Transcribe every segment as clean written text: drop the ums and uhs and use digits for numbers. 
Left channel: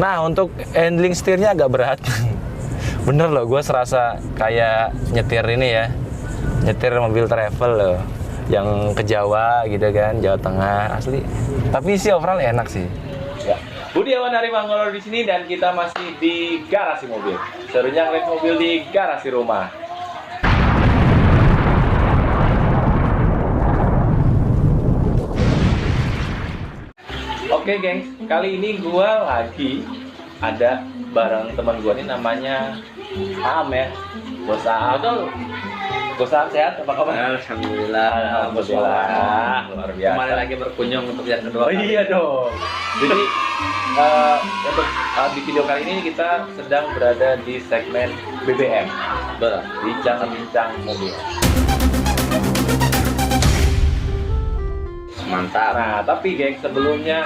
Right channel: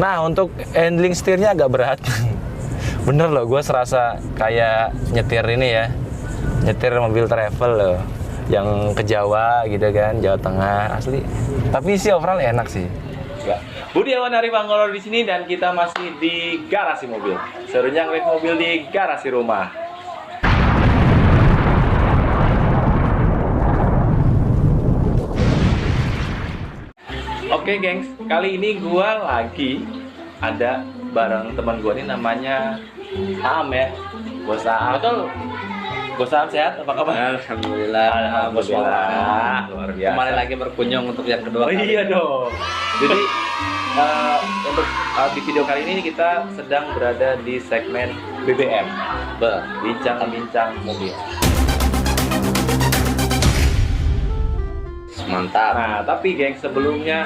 Nah, untuk handling setirnya agak berat. Bener loh, gue serasa kayak nyetir ini ya, nyetir mobil travel loh, yang ke Jawa gitu kan, Jawa Tengah asli. Tapi sih overall enak sih. Ya. Budiawan Ari Manggolor di sini dan kita masih di garasi mobil. Serunya ngeliat mobil di garasi rumah. Oke, gengs, kali ini gua lagi ada bareng teman gua ini namanya Aam ya. Bos Aam. Betul. Bos Aam sehat? Apa kabar? Alhamdulillah. Alhamdulillah. Luar biasa. Kemarin lagi berkunjung untuk yang kedua. Oh iya dong. Jadi untuk di video kali ini kita sedang berada di segmen BBM, bincang-bincang mobil. Mantap. Nah, tapi geng, sebelumnya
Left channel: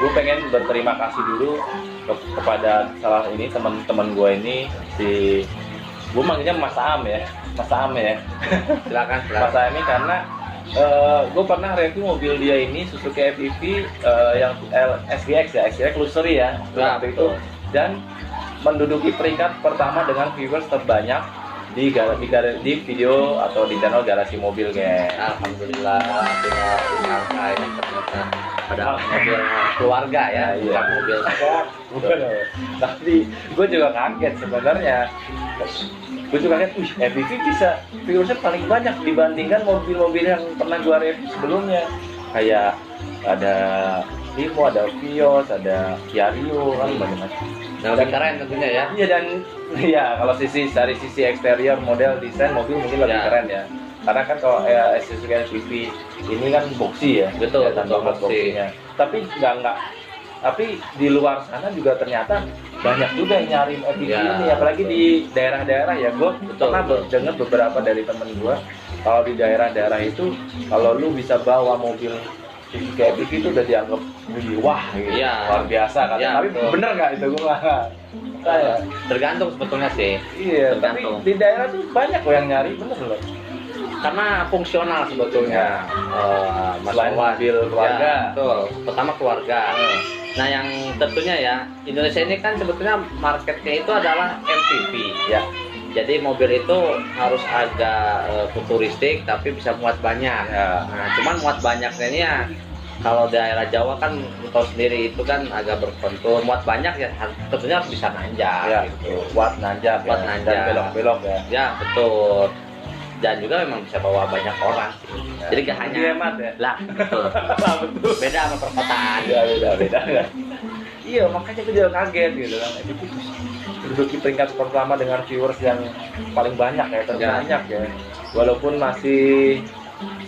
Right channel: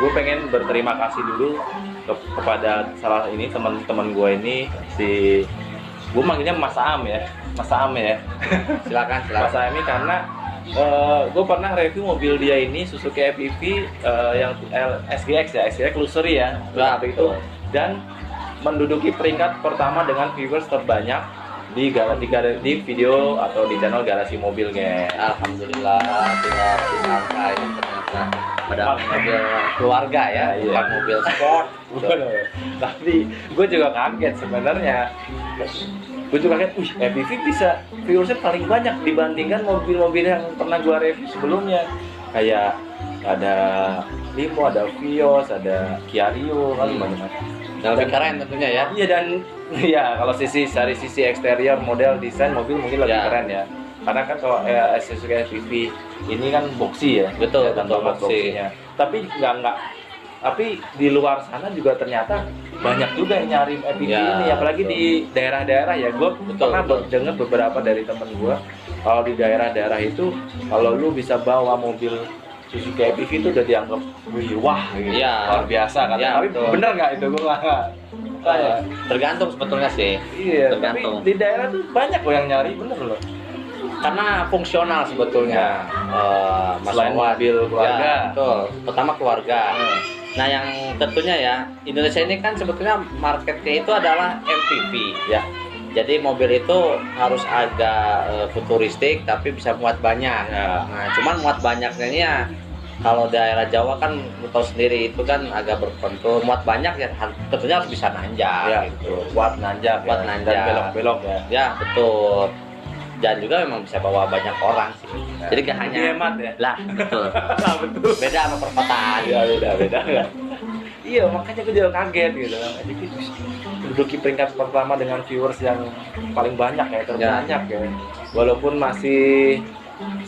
gue pengen berterima kasih dulu kepada salah ini teman-teman gue ini, gue manggilnya Mas Aam ya, Mas Aam ya. Silakan. Mas Aam ini karena gue pernah review mobil dia ini Suzuki FEV yang SGX ya, SGX Luxury ya, waktu itu, dan menduduki peringkat pertama dengan viewers terbanyak di video atau di channel Garasi Mobil, guys. Alhamdulillah. Angka ini ada mobil keluarga ya, bukan mobil sport. Tapi gue juga kaget sebenarnya. Gue juga kaget, FEV bisa viewersnya paling banyak dibandingkan mobil-mobil yang pernah gue review sebelumnya. Kayak ada Limo, ada Vios, ada Kia Rio, Yang lebih keren tentunya ya. Iya, dan ya kalau dari sisi eksterior, model, desain mobil mungkin lebih keren ya. Karena kan kalau Suzuki FEV ini kan boxy ya. Betul, ya, betul, boxy-nya. Tapi enggak. Tapi di luar sana juga ternyata banyak juga yang nyari FEV ini, apalagi di daerah-daerah ya. Gue pernah dengar beberapa dari temen gue, kalau di daerah-daerah itu kalau lu bisa bawa mobil Suzuki FEV itu udah dianggap wah gitu, luar biasa kan. Tapi bener nggak itu? Gue nggak. Tergantung sebetulnya sih. Iya, tergantung. tapi di daerah tuh banyak kok yang nyari, bener loh. Karena fungsional sebetulnya. Selain mobil keluarga. Ya, betul. Pertama keluarga. Nah, yang tentunya ya, Indonesia ini kan sebetulnya marketnya itu adalah MPV ya. Jadi mobil itu harus agak futuristik tapi bisa muat banyak. Nah, cuman muat banyaknya ini ya, kalau daerah Jawa kan kita sendiri itu kan agak berpentul. Muat banyak ya tentunya harus bisa nanjak Ya, gitu. buat nanjak, nanjak. dan belok-belok ya. Ya, betul. Dan juga memang bisa bawa banyak orang sih. Jadi gak hanya hemat ya. lah, betul. Betul. Beda sama perkotaan. Ya, beda. Iya, makanya gue juga kaget gitu kan. Jadi menduduki peringkat pertama dengan viewers yang paling banyak ya, terbanyak ya. Walaupun masih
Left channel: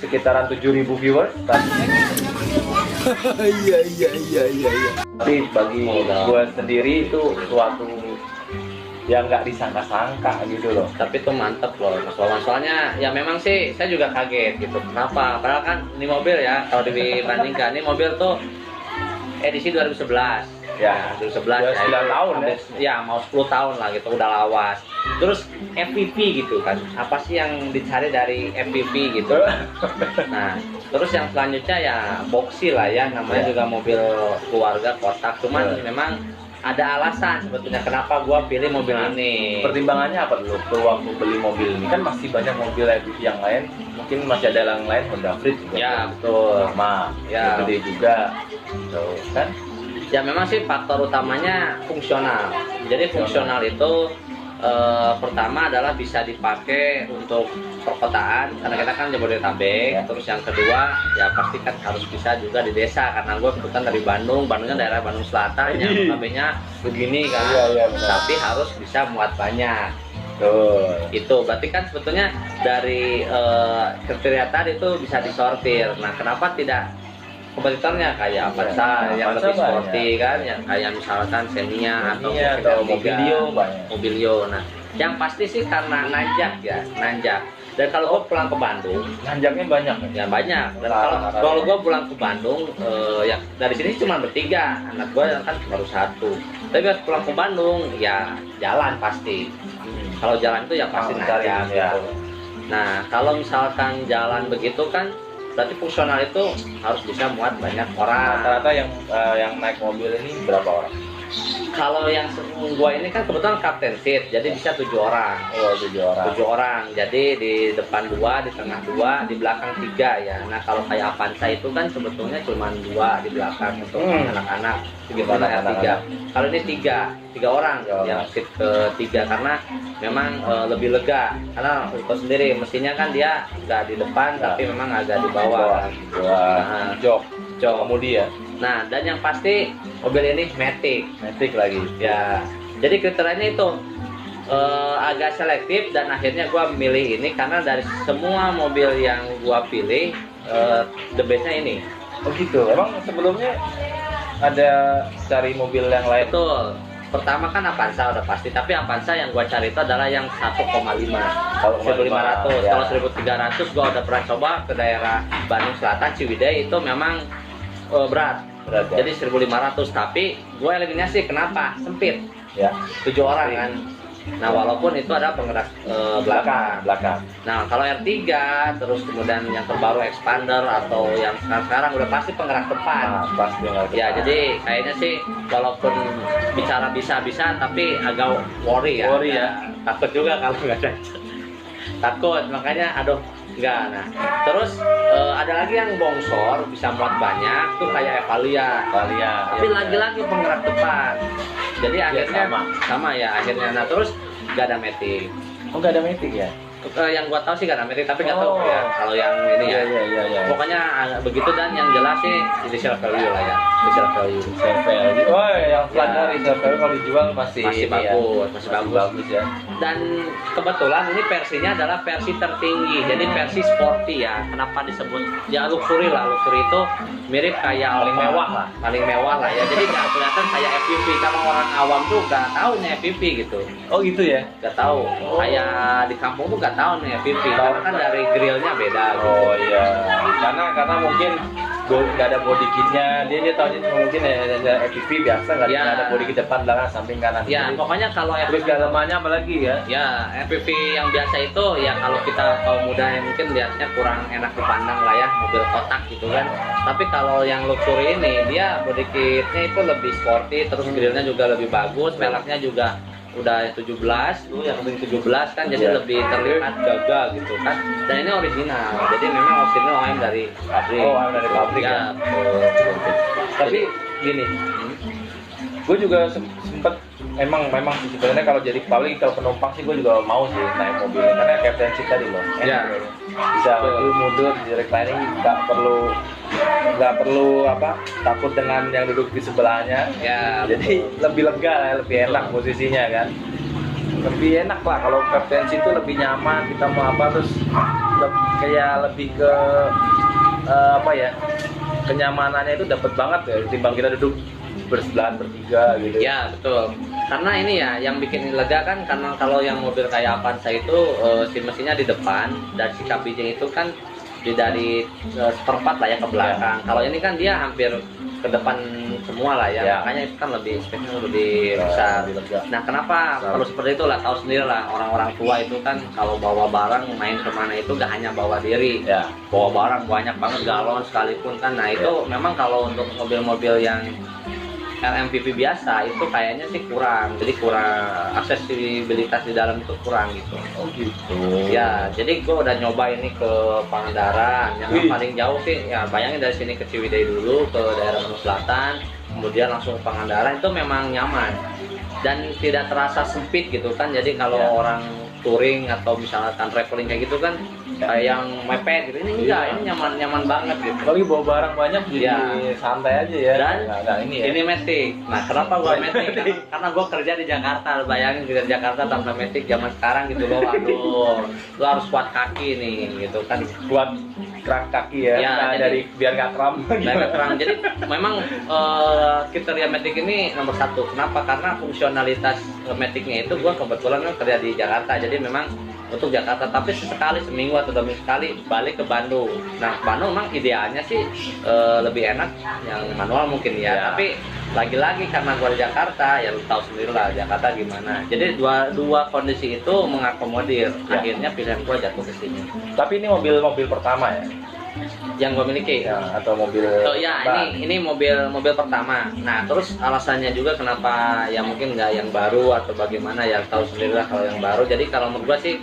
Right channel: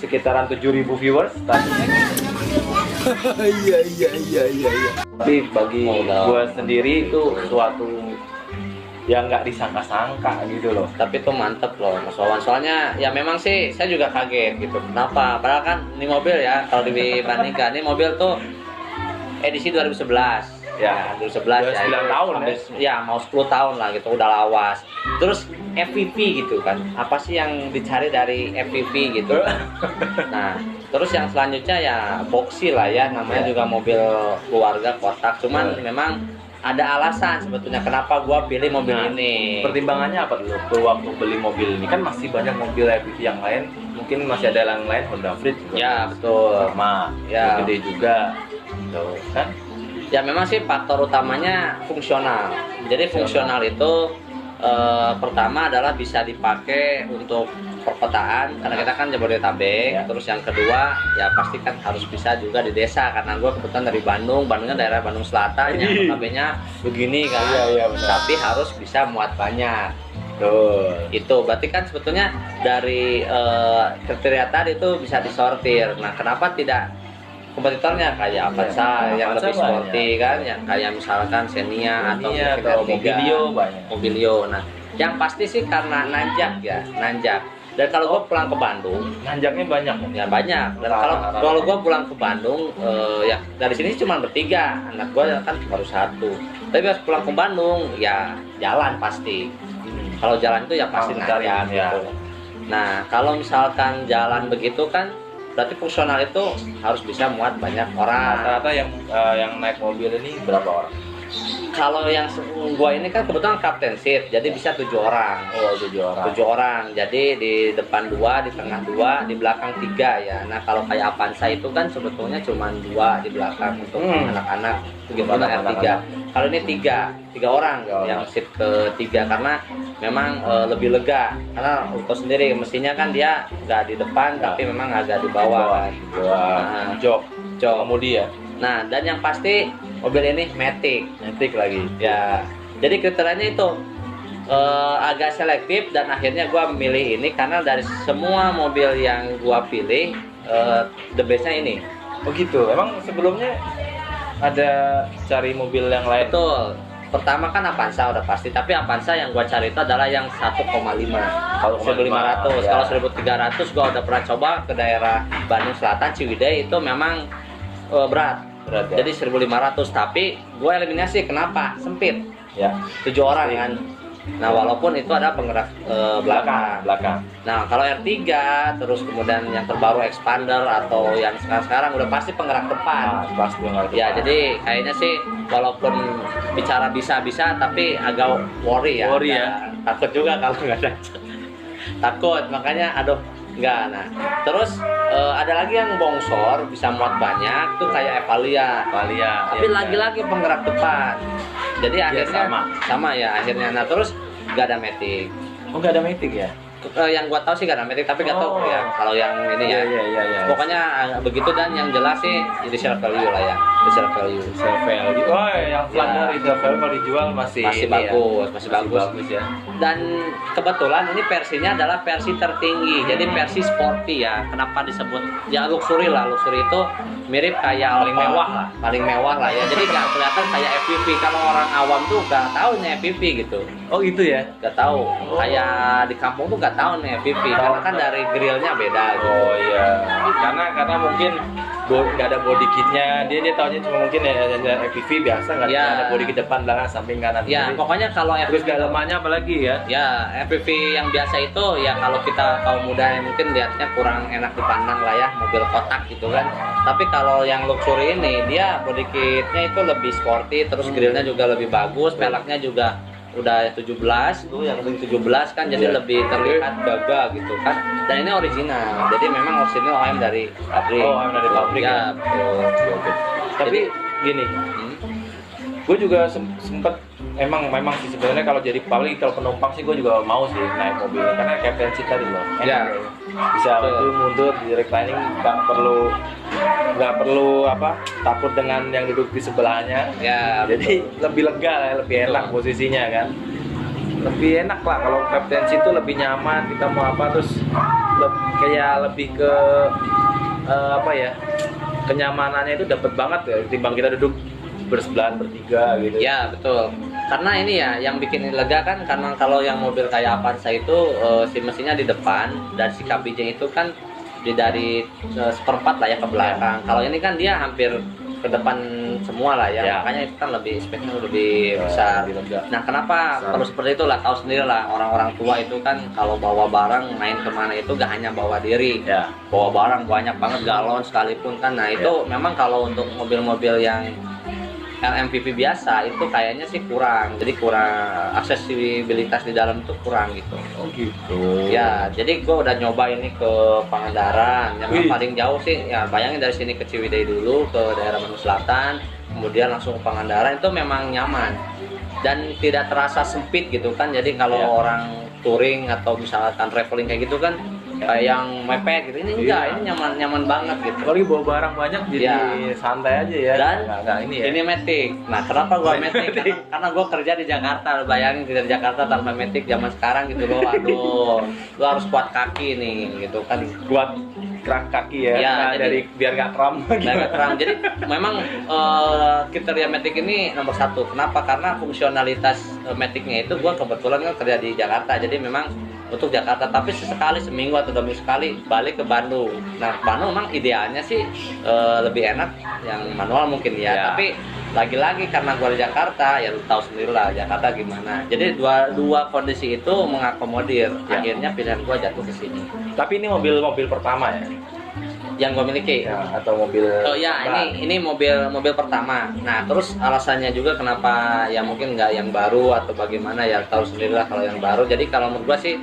sekitaran 7.000 viewers, tapi iya. Tapi bagi gue sendiri itu suatu yang nggak disangka-sangka gitu loh. Tapi itu mantep loh Mas Wawan. Soalnya ya memang sih saya juga kaget gitu. Kenapa? Padahal kan ini mobil ya, kalau dibandingkan ini mobil tuh edisi 2011. Ya, 2011 ya. 9 tahun ya. Ya, mau 10 tahun lah gitu, udah lawas. Terus FPV gitu kan. Apa sih yang dicari dari FPV gitu? Nah, terus yang selanjutnya ya boxy lah ya, namanya juga mobil keluarga kotak. Cuman memang ada alasan sebetulnya kenapa gua pilih mobil ini. Pertimbangannya apa dulu tuh waktu beli mobil ini? Kan masih banyak mobil FPV yang lain, mungkin masih ada yang lain, Honda Freed juga. Ya, betul. Sama, Ya. gede juga. Tuh, kan? Ya memang sih faktor utamanya fungsional. Jadi fungsional itu pertama adalah bisa dipakai untuk perkotaan karena kita kan Jabodetabek. Terus yang kedua ya pasti kan harus bisa juga di desa karena gue kebetulan dari Bandungnya daerah Bandung Selatan yang notabene begini kan. Tapi harus bisa muat banyak. Itu berarti kan sebetulnya dari kriteria tadi itu bisa disortir. Nah, kenapa tidak kompetitornya kayak Avanza yang lebih sporty kan, yang kayak misalkan Xenia atau Mobilio. Nah, yang pasti sih karena nanjak. Dan kalau gue pulang ke Bandung, nanjaknya banyak. Ya banyak. Dan kalau gue pulang ke Bandung, ya dari sini cuma bertiga, anak gue kan baru satu. Tapi pas pulang ke Bandung, ya jalan pasti. Kalau jalan itu ya pasti nanjak ya. Nah, kalau misalkan jalan begitu kan berarti fungsional itu harus bisa muat banyak orang. Rata-rata yang naik mobil ini berapa orang? Kalau yang gua ini kan kebetulan captain seat, jadi bisa 7 orang. Oh, 7 orang. 7 orang. Jadi di depan 2, di tengah 2, di belakang 3 ya. Nah, kalau kayak Avanza itu kan sebetulnya cuma 2 di belakang untuk anak-anak. Begitu R3. Kalau ini 3 orang yang seat ketiga karena memang lebih lega. Karena untuk sendiri mesinnya kan dia nggak di depan tapi memang agak di bawah. Nah, Jok kemudi ya. Nah, dan yang pasti mobil ini Matic lagi. ya. Jadi kriterianya itu agak selektif dan akhirnya gua memilih ini karena dari semua mobil yang gua pilih the bestnya ini. Oh gitu. Emang sebelumnya ada cari mobil yang lain? Betul. Pertama kan Avanza udah pasti, tapi Avanza yang gua cari itu adalah yang 1,5. Kalau 1.500, ya. kalau 1.300 gua udah pernah coba ke daerah Bandung Selatan Ciwidey itu memang berat ya? Jadi 1.500, tapi gue eliminasi. Kenapa? Sempit. Ya. 7 orang kan. Nah, walaupun itu ada penggerak belakang. Nah, kalau R3 terus kemudian yang terbaru expander atau yang sekarang udah pasti penggerak depan. Pasti nggak. Ya, jadi kayaknya sih walaupun bicara bisa tapi agak worry ya. Worry ya. Takut juga kalau nggak ada. Takut, makanya aduh enggak. Nah, terus ada lagi yang bongsor bisa muat banyak tuh kayak Evalia. Tapi lagi-lagi penggerak depan. Jadi akhirnya sama ya akhirnya. Nah, terus nggak ada Matic. Oh, nggak ada Matic ya? Yang gua tahu sih nggak ada Matic, tapi nggak tahu ya kalau yang ini ya. Iya. Pokoknya begitu, dan yang jelas sih initial value lah ya. Initial value. Value. Oh, yang standar itu value kalau dijual masih bagus, ya. masih bagus ya. Dan kebetulan ini versinya adalah versi tertinggi, jadi versi sporty ya. Kenapa disebut ya luxury lah? Luxury itu mirip kayak paling mewah lah ya. Jadi nggak kelihatan kayak FPV. Kalau orang awam tuh nggak tahu nih FPV gitu. Oh gitu ya? Nggak tahu. Kayak di kampung tuh nggak tahu nih FPV. Karena kan dari grillnya beda. Gitu. Oh iya. Karena mungkin nggak ada body kitnya, dia tahunya cuma mungkin ya FPV biasa, nggak ada body kit depan, belakang, samping, kanan. Ya, pokoknya kalau terus dalamannya apalagi ya? Ya, FPV yang biasa itu ya kalau kita kaum muda yang mungkin lihatnya kurang enak dipandang lah ya, mobil kotak gitu kan. Tapi kalau yang luxury ini dia body kitnya itu lebih sporty, terus grillnya juga lebih bagus, peleknya juga udah 17 tuh, yang penting 17 kan, jadi lebih terlihat gagah gitu kan. Dan ini original, jadi memang original OEM dari pabrik. Oh, OEM dari pabrik ya. Betul. Tapi gini, gue juga sempet memang sih sebenarnya kalau jadi pabrik, kalau penumpang sih gue juga mau sih naik mobilnya karena captain seat tadi loh. Ya. Bisa maju mundur di reclining, nggak perlu takut dengan yang duduk di sebelahnya. Ya. Jadi lebih lega lah, lebih enak posisinya kan. Lebih enak lah kalau captain seat itu lebih nyaman, kita mau terus kayak lebih ke kenyamanannya itu dapat banget ya timbang kita duduk bersebelahan bertiga gitu. Ya betul. Karena ini ya yang bikin lega kan, karena kalau yang mobil kayak Avanza itu si mesinnya di depan dan si kabinnya itu kan dari seperempat lah ya ke belakang. Kalau ini kan dia hampir ke depan semua lah ya. Makanya itu kan lebih speknya lebih besar. Nah, kenapa perlu seperti itu lah? Tahu sendiri lah, orang-orang tua itu kan kalau bawa barang main kemana itu gak hanya bawa diri, bawa barang banyak banget, galon sekalipun kan. Nah itu memang kalau untuk mobil-mobil yang RMPV biasa itu kayaknya sih kurang, jadi kurang aksesibilitas di dalam itu kurang gitu. Oh gitu. Ya, jadi gue udah nyoba ini ke Pangandaran, yang paling jauh sih ya bayangin dari sini ke Ciwidey dulu ke daerah Bandung Selatan, kemudian langsung ke Pangandaran, itu memang nyaman dan tidak terasa sempit gitu kan. Jadi kalau orang touring atau misalkan traveling kayak gitu kan kayak yang mepet gitu, ini enggak, ini nyaman banget gitu. Kalau bawa barang banyak jadi santai aja ya. Dan ini Matic. Nah, kenapa gua Matic? Karena gua kerja di Jakarta. Bayangin kerja di Jakarta tanpa Matic zaman sekarang gitu loh. Aduh, lu harus kuat kaki nih gitu kan. Kuat gerak kaki ya, jadi, dari biar nggak kram. Jadi memang kriteria Matic ini nomor 1. Kenapa? Karena fungsionalitas Maticnya itu gua kebetulan kan kerja di Jakarta. Jadi memang untuk Jakarta, tapi sesekali seminggu atau 2 minggu sekali balik ke Bandung. Nah, Bandung memang idealnya sih lebih enak yang manual mungkin ya. Tapi lagi-lagi karena gua di Jakarta, ya lu tahu sendiri lah Jakarta gimana. Jadi dua kondisi itu mengakomodir. Akhirnya pilihan gua jatuh ke sini. Tapi ini mobil pertama ya? yang gue miliki. Ya, atau mobil. Oh ya, ini mobil pertama. Nah, terus alasannya juga kenapa ya mungkin nggak yang baru atau bagaimana ya, tahu sendirilah kalau yang baru. Jadi kalau menurut gua sih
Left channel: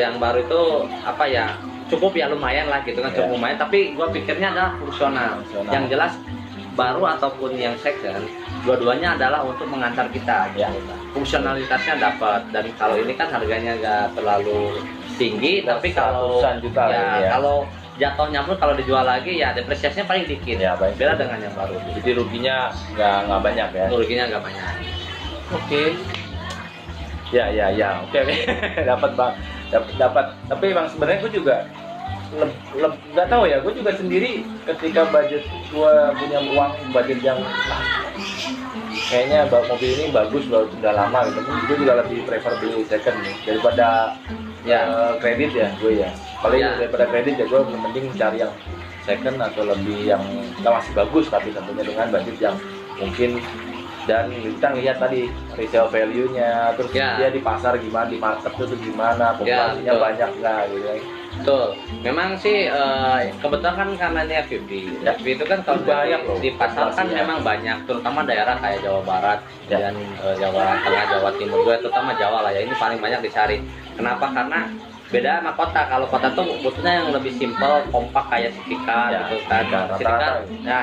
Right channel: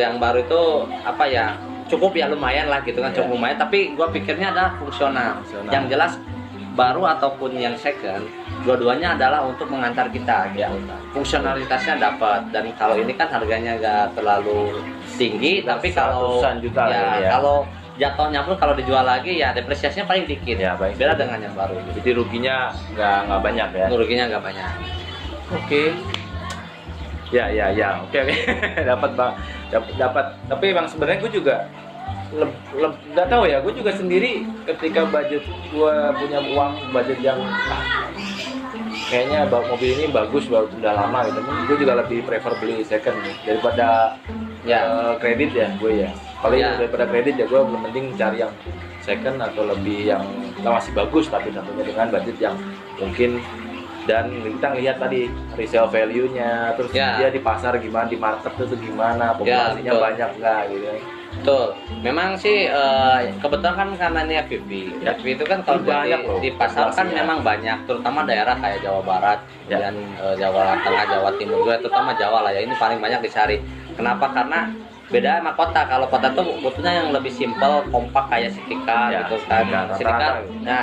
yang baru itu apa ya, cukup ya lumayan lah gitu kan, cukup lumayan. Tapi gua pikirnya adalah fungsional. Yang jelas baru ataupun yang second, dua-duanya adalah untuk mengantar kita. Ya, fungsionalitasnya dapat. Dan kalau ini kan harganya nggak terlalu tinggi, tapi kalau juta ya, kalau jatuhnya pun kalau dijual lagi ya depresiasinya paling dikit ya, beda dengan yang baru. Jadi ruginya nggak banyak ya. Ruginya nggak banyak. Oke. Ya, oke. Dapat bang, dapat. Tapi emang sebenarnya gue juga nggak tahu ya. Gue juga sendiri ketika budget gue punya uang budget yang kayaknya mobil ini bagus, udah lama gitu. Gue juga lebih prefer beli second nih daripada kredit ya gue ya. Kalau daripada kredit ya gue mending cari yang second atau lebih yang masih bagus tapi tentunya dengan budget yang mungkin. Dan kita lihat tadi resale value-nya, terus dia di pasar gimana, di market itu gimana, populasinya banyak nggak gitu. Betul. Memang sih kebetulan kan karena ini FPV. FPV itu kan kalau di pasar kan memang banyak, terutama daerah kayak Jawa Barat dan Jawa Tengah, Jawa Timur, terutama Jawa lah ya. Ini paling banyak dicari. Kenapa? Karena beda sama kota. Kalau kota tuh butuhnya yang lebih simpel, kompak kayak City Car gitu kan.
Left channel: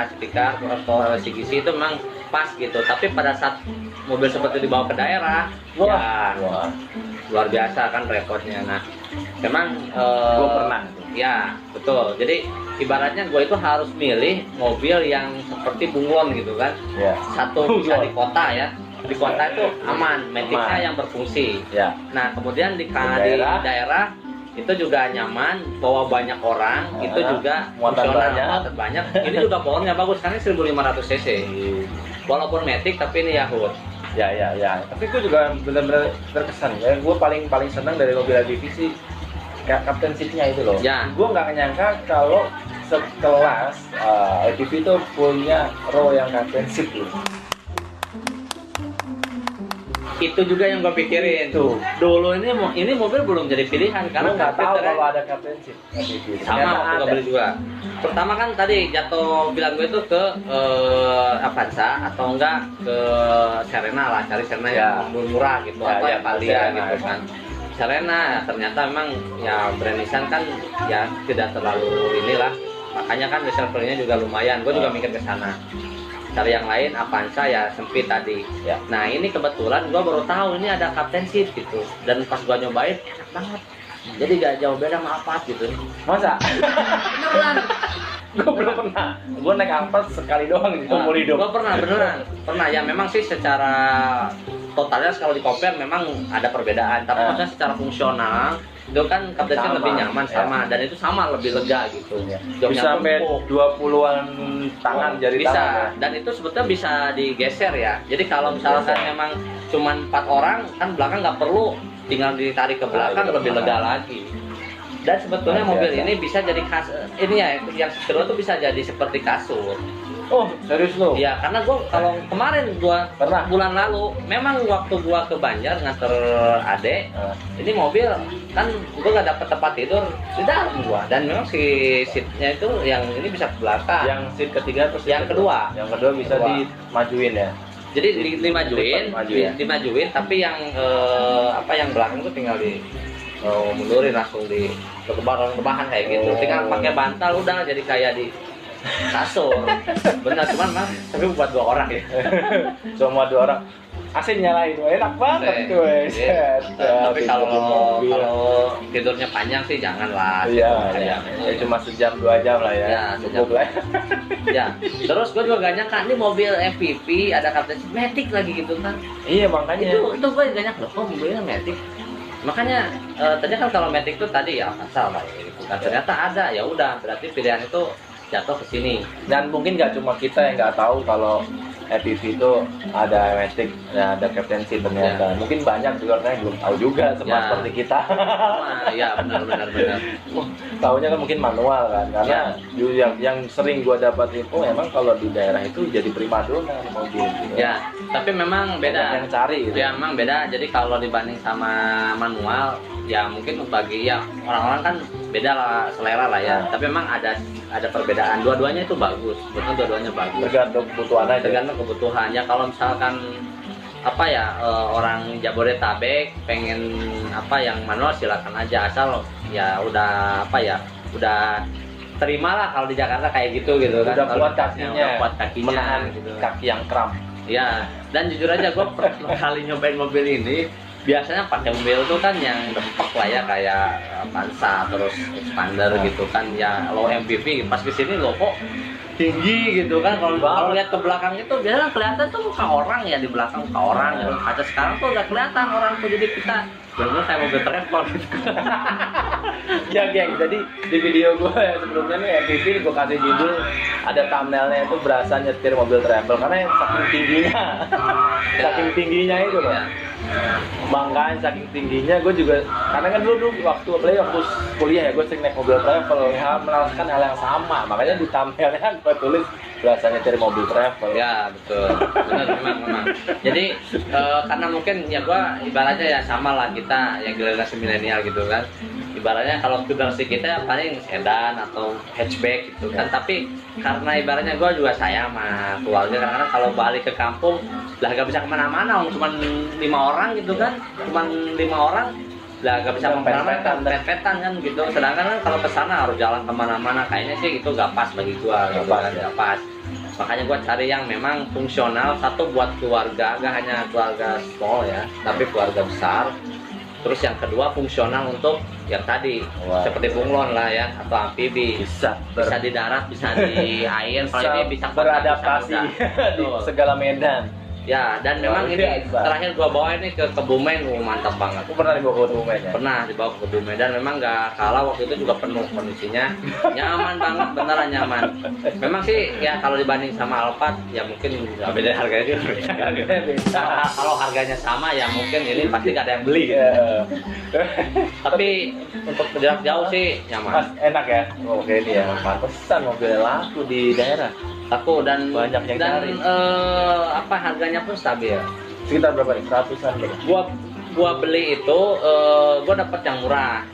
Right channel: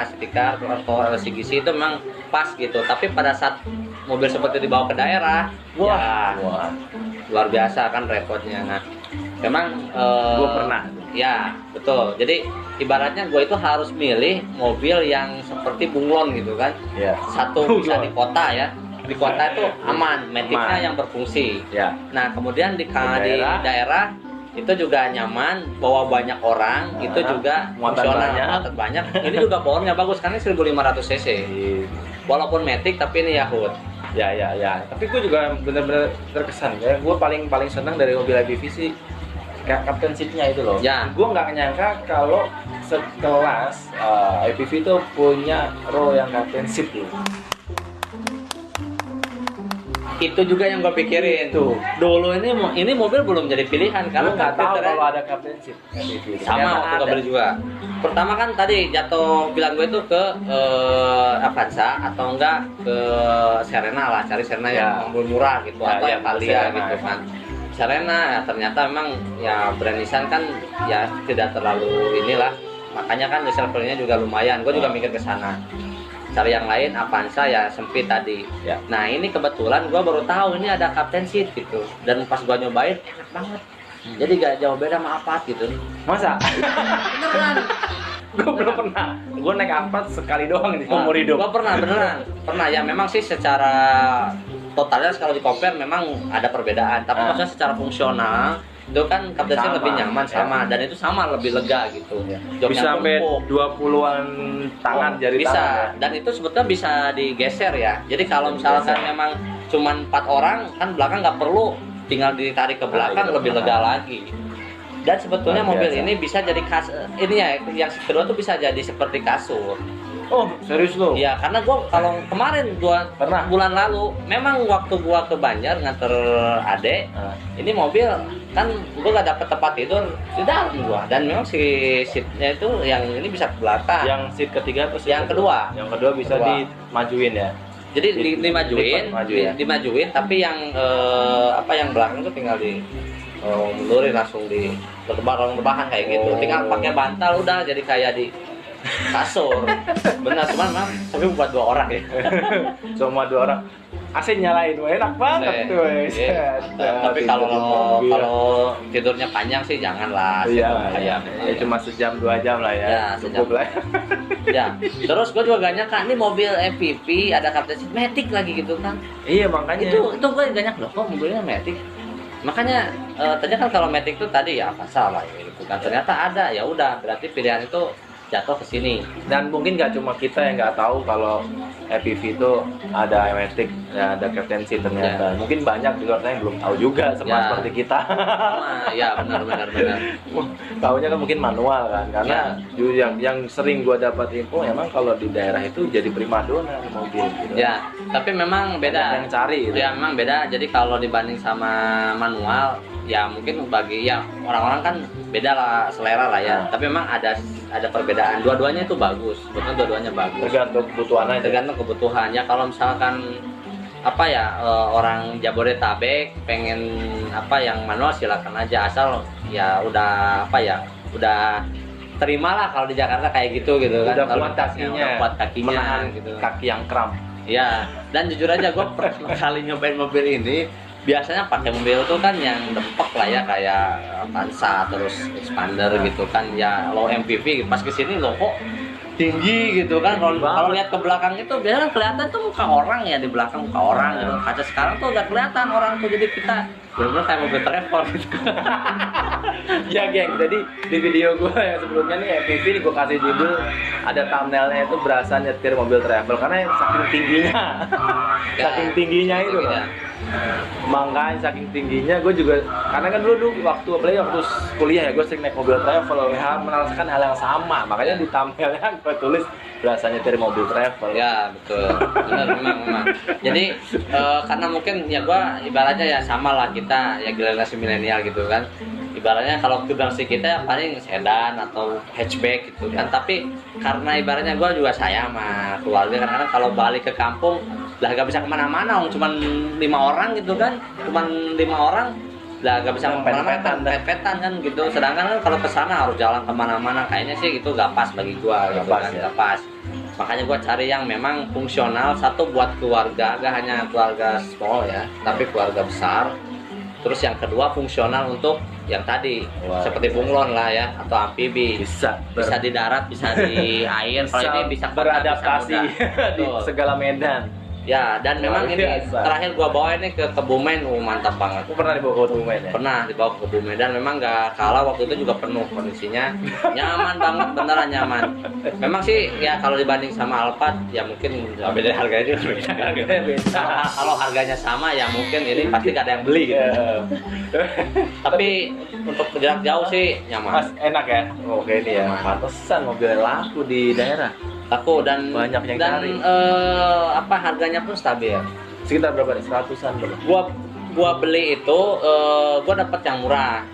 City Car atau CGC itu memang pas gitu. Tapi pada saat mobil seperti dibawa ke daerah, luar biasa kan repotnya. Nah, memang gue pernah. Ya, betul. Jadi ibaratnya gue itu harus milih mobil yang seperti bunglon gitu kan. Satu bisa di kota ya. Di kota itu aman, metiknya yang berfungsi. Nah, kemudian di daerah itu juga nyaman, bawa banyak orang, itu juga fungsional, muatan banyak. Ini juga powernya bagus karena 1500 cc. Walaupun metik tapi ini Yahoo. Ya. Tapi gue juga benar-benar terkesan ya. Gue paling senang dari mobil IPV sih captain seat-nya itu loh. Gue nggak nyangka kalau sekelas IPV itu punya row yang captain seat gitu. Itu juga yang gue pikirin tuh. Dulu ini mobil belum jadi pilihan karena nggak tahu kalau ada captain seat. Sama waktu gue beli juga. Pertama kan tadi jatuh pilihan gue itu ke Avanza atau enggak ke Serena lah, cari Serena yang murah gitu atau Avalia gitu kan. Serena ya ternyata memang ya brand Nissan kan ya tidak terlalu inilah, makanya kan resale value-nya juga lumayan. Gue juga mikir ke sana. Cari yang lain Avanza ya sempit tadi. Nah ini kebetulan gue baru tahu ini ada captain seat gitu, dan pas gue nyobain enak banget. Jadi gak jauh beda sama Apat gitu. Masa? Gue belum pernah. Gue naik Apat sekali doang di umur hidup. Gue pernah ya. Memang sih secara totalnya kalau di compare memang ada perbedaan, tapi maksudnya secara fungsional itu kan captain lebih nyaman dan itu sama lebih lega gitu. Bisa sampai 20-an tangan jari bisa tangan. Dan itu sebetulnya bisa digeser ya. Jadi kalau misalnya saya memang cuma 4 orang kan belakang nggak perlu, tinggal ditarik ke belakang lebih lega lagi. Dan sebetulnya mobil ini bisa jadi ini ya, yang kedua tuh bisa jadi seperti kasur. Oh, serius lo? Iya, karena kalau kemarin pernah bulan lalu, memang waktu gua ke Banjar nganter adek, ini mobil kan gua nggak dapet tempat tidur di dalam gua, dan memang si seatnya itu yang ini bisa ke belakang. Yang seat ketiga atau yang kedua? Yang kedua bisa dimajuin ya. Jadi dimajuin, tapi yang yang belakang itu tinggal mundurin langsung di rebahan kayak gitu. Tinggal pakai bantal udah jadi kayak di kasur. Benar, cuman mah tapi buat 2 orang ya. Cuma 2 orang. AC nyalain, enak banget tuh. Tapi kalau tidurnya panjang sih janganlah. Iya. Cuma sejam 2 jam lah ya. Cukup lah. Ya. Terus gue juga gak nyangka nih mobil MPV ada captain matic lagi gitu kan. Iya, makanya itu gue gak nyangka loh kok mobilnya matic. Makanya tadi kan kalau matic tuh tadi ya masalah gitu kan. Ternyata ada, ya udah berarti pilihan itu jatuh ke sini. Dan mungkin nggak cuma kita yang nggak tahu kalau FPV itu ada matic, ada captain seat ternyata. Mungkin banyak di luar sana yang belum tahu juga sama seperti kita. Iya benar. Taunya kan mungkin manual kan, karena yang sering gua dapat info emang kalau di daerah itu jadi primadona mobil. Gitu. Ya, tapi memang beda. yang cari gitu. Ya memang beda. Jadi kalau dibanding sama manual, ya mungkin bagi ya orang-orang kan beda lah selera lah ya. Tapi memang ada perbedaan. Dua-duanya itu bagus. Sebetulnya dua-duanya bagus. Tergantung kebutuhan aja. Tergantung kebutuhan. Ya kalau misalkan apa ya orang Jabodetabek pengen apa yang manual silakan aja, asal ya udah apa ya udah terimalah kalau di Jakarta kayak gitu kan. Udah Kalau kuat kakinya, kuat kakinya menahan gitu. kaki yang kram. Ya, dan jujur aja gue pertama kali nyobain mobil ini biasanya pakai mobil itu kan yang dempek lah ya, kayak Avanza terus Expander gitu kan, ya low MPV. Pas kesini loh kok tinggi gitu kan. Kalau lihat ke belakang itu biasanya kelihatan tuh muka orang ya, di belakang muka orang gitu. Kaca sekarang tuh udah kelihatan orang tuh, jadi kita bener kayak mobil travel gitu. Ya geng, jadi di video gue yang sebelumnya nih MPV nih gue kasih judul, ada thumbnailnya itu berasa nyetir mobil travel karena yang saking tingginya, saking tingginya itu kan. Makanya saking tingginya gue juga, karena kan dulu waktu kuliah ya gue sering naik mobil travel ya, merasakan hal yang sama, makanya di thumbnailnya gue tulis berasa nyetir mobil travel. Ya betul, benar memang. Jadi karena mungkin ya gue ibaratnya ya sama lah, kita ya generasi milenial gitu kan. Ibaratnya kalau generasi kita paling sedan atau hatchback gitu kan. Tapi karena ibaratnya gue juga sayang sama keluarga, karena kalau balik ke kampung lah gak bisa kemana-mana, cuma 5 orang gitu kan, cuma 5 orang lah gak bisa kemana-mana kan, pet-petan kan gitu. Sedangkan kan kalau kesana harus jalan kemana-mana, kayaknya sih gitu gak pas bagi gue, gak pas. Makanya gue cari yang memang fungsional, satu buat keluarga, gak hanya keluarga small ya, tapi keluarga besar. Terus yang kedua fungsional untuk yang tadi, seperti bunglon lah ya, atau amfibi, bisa di darat, bisa di air, kalau ini bisa beradaptasi di segala medan. Ya, dan memang ini terakhir gua bawa ini ke Kebumen, mantap banget. Aku pernah dibawa ke Kebumen ya? Pernah dibawa ke Kebumen, dan memang nggak kalah, waktu itu juga penuh kondisinya, nyaman banget, beneran nyaman. Memang sih ya kalau dibanding sama Alphard ya mungkin ya beda harganya juga beda. Kalau harganya sama ya mungkin ini pasti gak ada yang beli gitu. Tapi untuk jarak jauh sih nyaman. Mas, enak ya? Oke ini ya, pantesan mobil laku di daerah. Aku dan banyak yang cari. Apa harganya pun stabil. Sekitar berapa nih? 100-an berapa? Gua beli itu gua dapat yang murah,